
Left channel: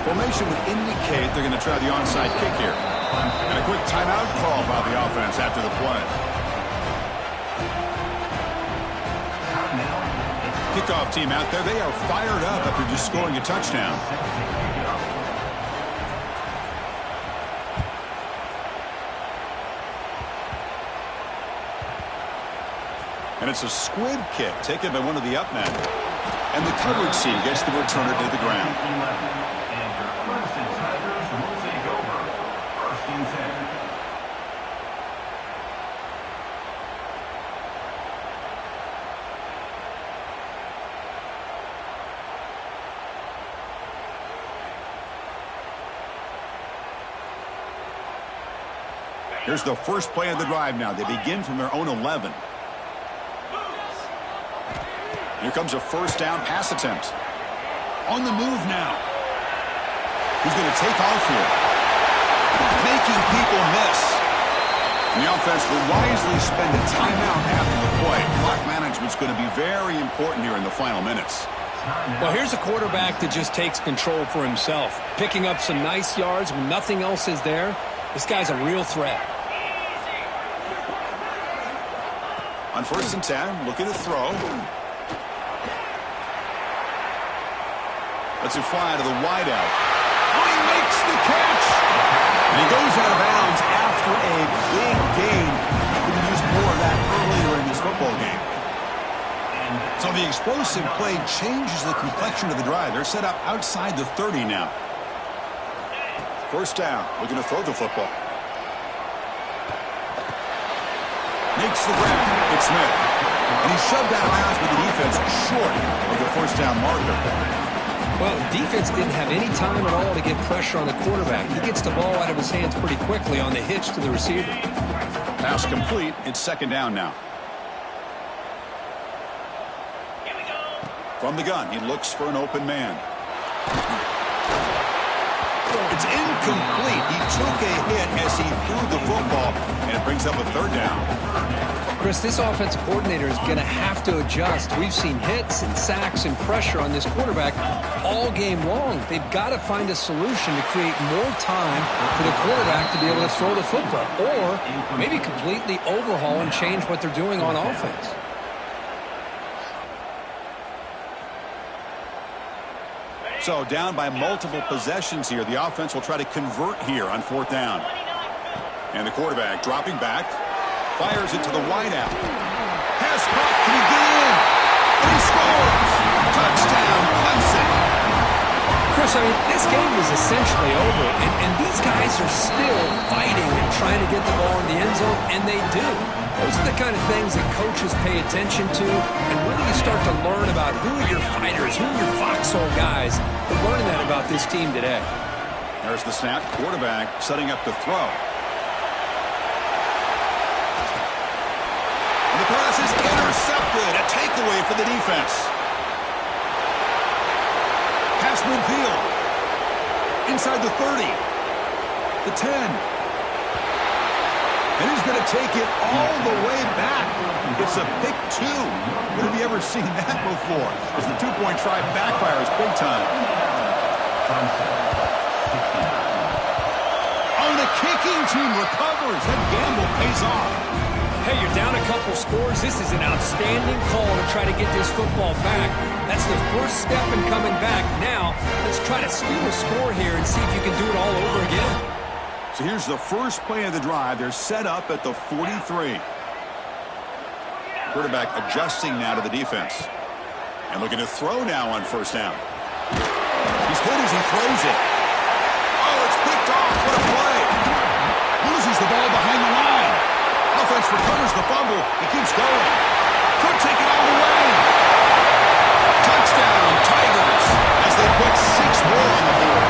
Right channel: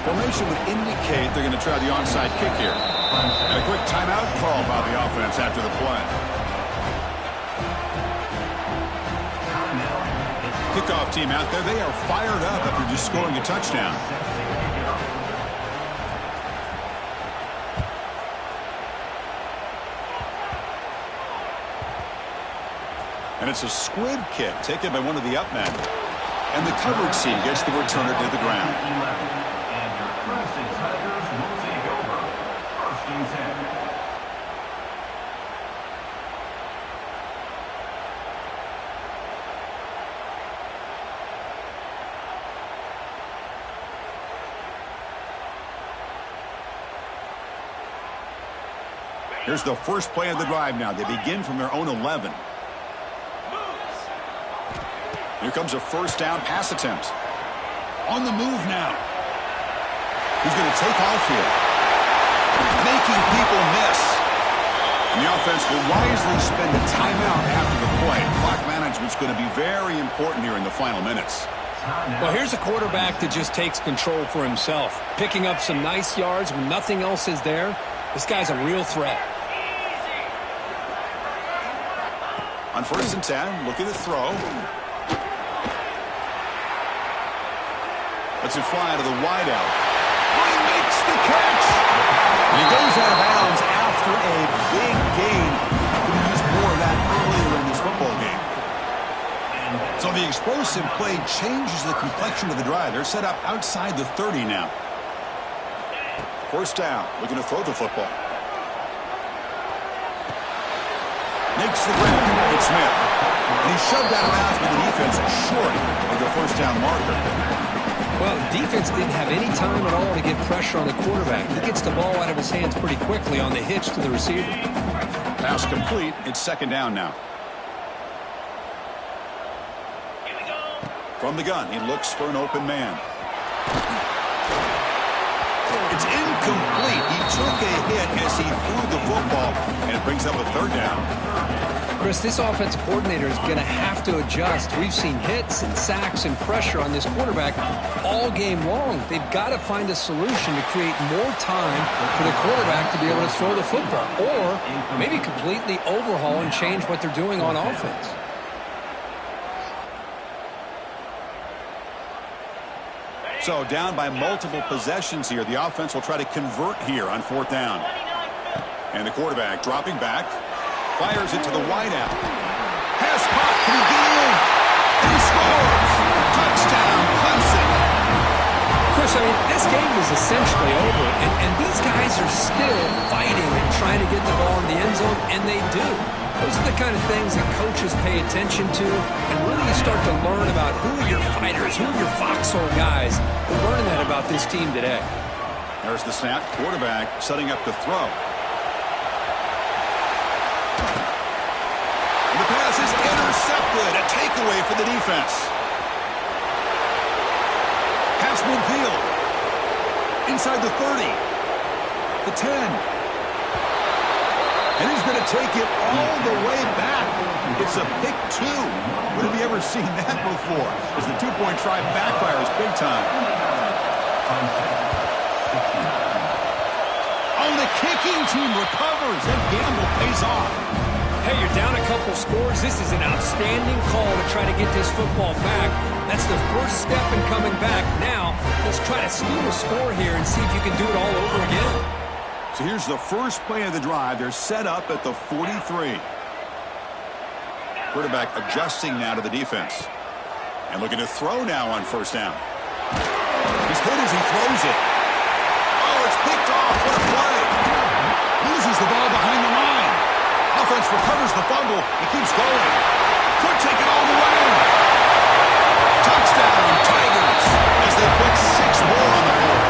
Formation would indicate they're going to try the onside kick here. And a quick timeout call by the offense after the play. Kickoff team out there. They are fired up after just scoring a touchdown. And it's a squib kick taken by one of the up men. And the coverage team gets the returner to the ground. And your Crimson Tigers will take over. 1st and 10. Here's the first play of the drive now. They begin from their own 11. Here comes a first down pass attempt. On the move now. He's going to take off here. Making people miss. And the offense will wisely spend a timeout after the play. Clock management's going to be very important here in the final minutes. Well, here's a quarterback that just takes control for himself. Picking up some nice yards when nothing else is there. This guy's a real threat. On 1st and 10, looking to throw. Lets it fly to the wideout. Oh, he makes the catch! And he goes out of bounds after a big gain. Could have used more of that earlier in this football game. So the explosive play changes the complexion of the drive. They're set up outside the 30 now. First down, looking to throw the football. Makes the grab. It's Smith. And he's shoved out of bounds by the defense short of the first down marker. Well, the defense didn't have any time at all to get pressure on the quarterback. He gets the ball out of his hands pretty quickly on the hitch to the receiver. Pass complete. It's 2nd down now. Here we go. From the gun, he looks for an open man. It's incomplete. He took a hit as he threw the football, and it brings up a 3rd down. Chris, this offensive coordinator is going to have to adjust. We've seen hits and sacks and pressure on this quarterback all game long. They've got to find a solution to create more time for the quarterback to be able to throw the football, or maybe completely overhaul and change what they're doing on offense. So down by multiple possessions here. The offense will try to convert here on 4th down. And the quarterback dropping back. Fires it to the wideout. Pass caught. Can he get in? And he scores. Touchdown, Clemson. Chris, I mean, this game is essentially over, and these guys are still fighting and trying to get the ball in the end zone, and they do. Those are the kind of things that coaches pay attention to, and really you start to learn about who are your fighters, who are your foxhole guys. We're learning that about this team today. There's the snap. Quarterback setting up to throw. And the pass is intercepted. A takeaway for the defense. Pass midfield. Inside the 30. The 10. And he's going to take it all the way back. It's a pick 2. When have you ever seen that before? As the 2-point try backfires big time. Oh, the kicking team recovers. That gamble pays off. Hey, you're down a couple scores. This is an outstanding call to try to get this football back. That's the first step in coming back. Now, let's try to steal a score here and see if you can do it all over again. So here's the first play of the drive. They're set up at the 43. Quarterback adjusting now to the defense. And looking to throw now on 1st down. He's hit as he throws it. Oh, it's picked off. What a play. Loses the ball behind the line. Offense recovers the fumble and keeps going. Could take it all the way. Touchdown, Tigers, as they put 6 more on the board.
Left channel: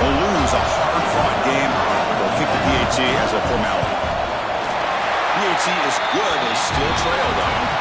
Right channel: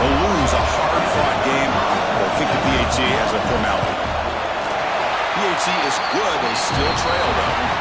They'll lose a hard-fought game. They'll kick the PAT as a formality. PAT is good. They still trail, though.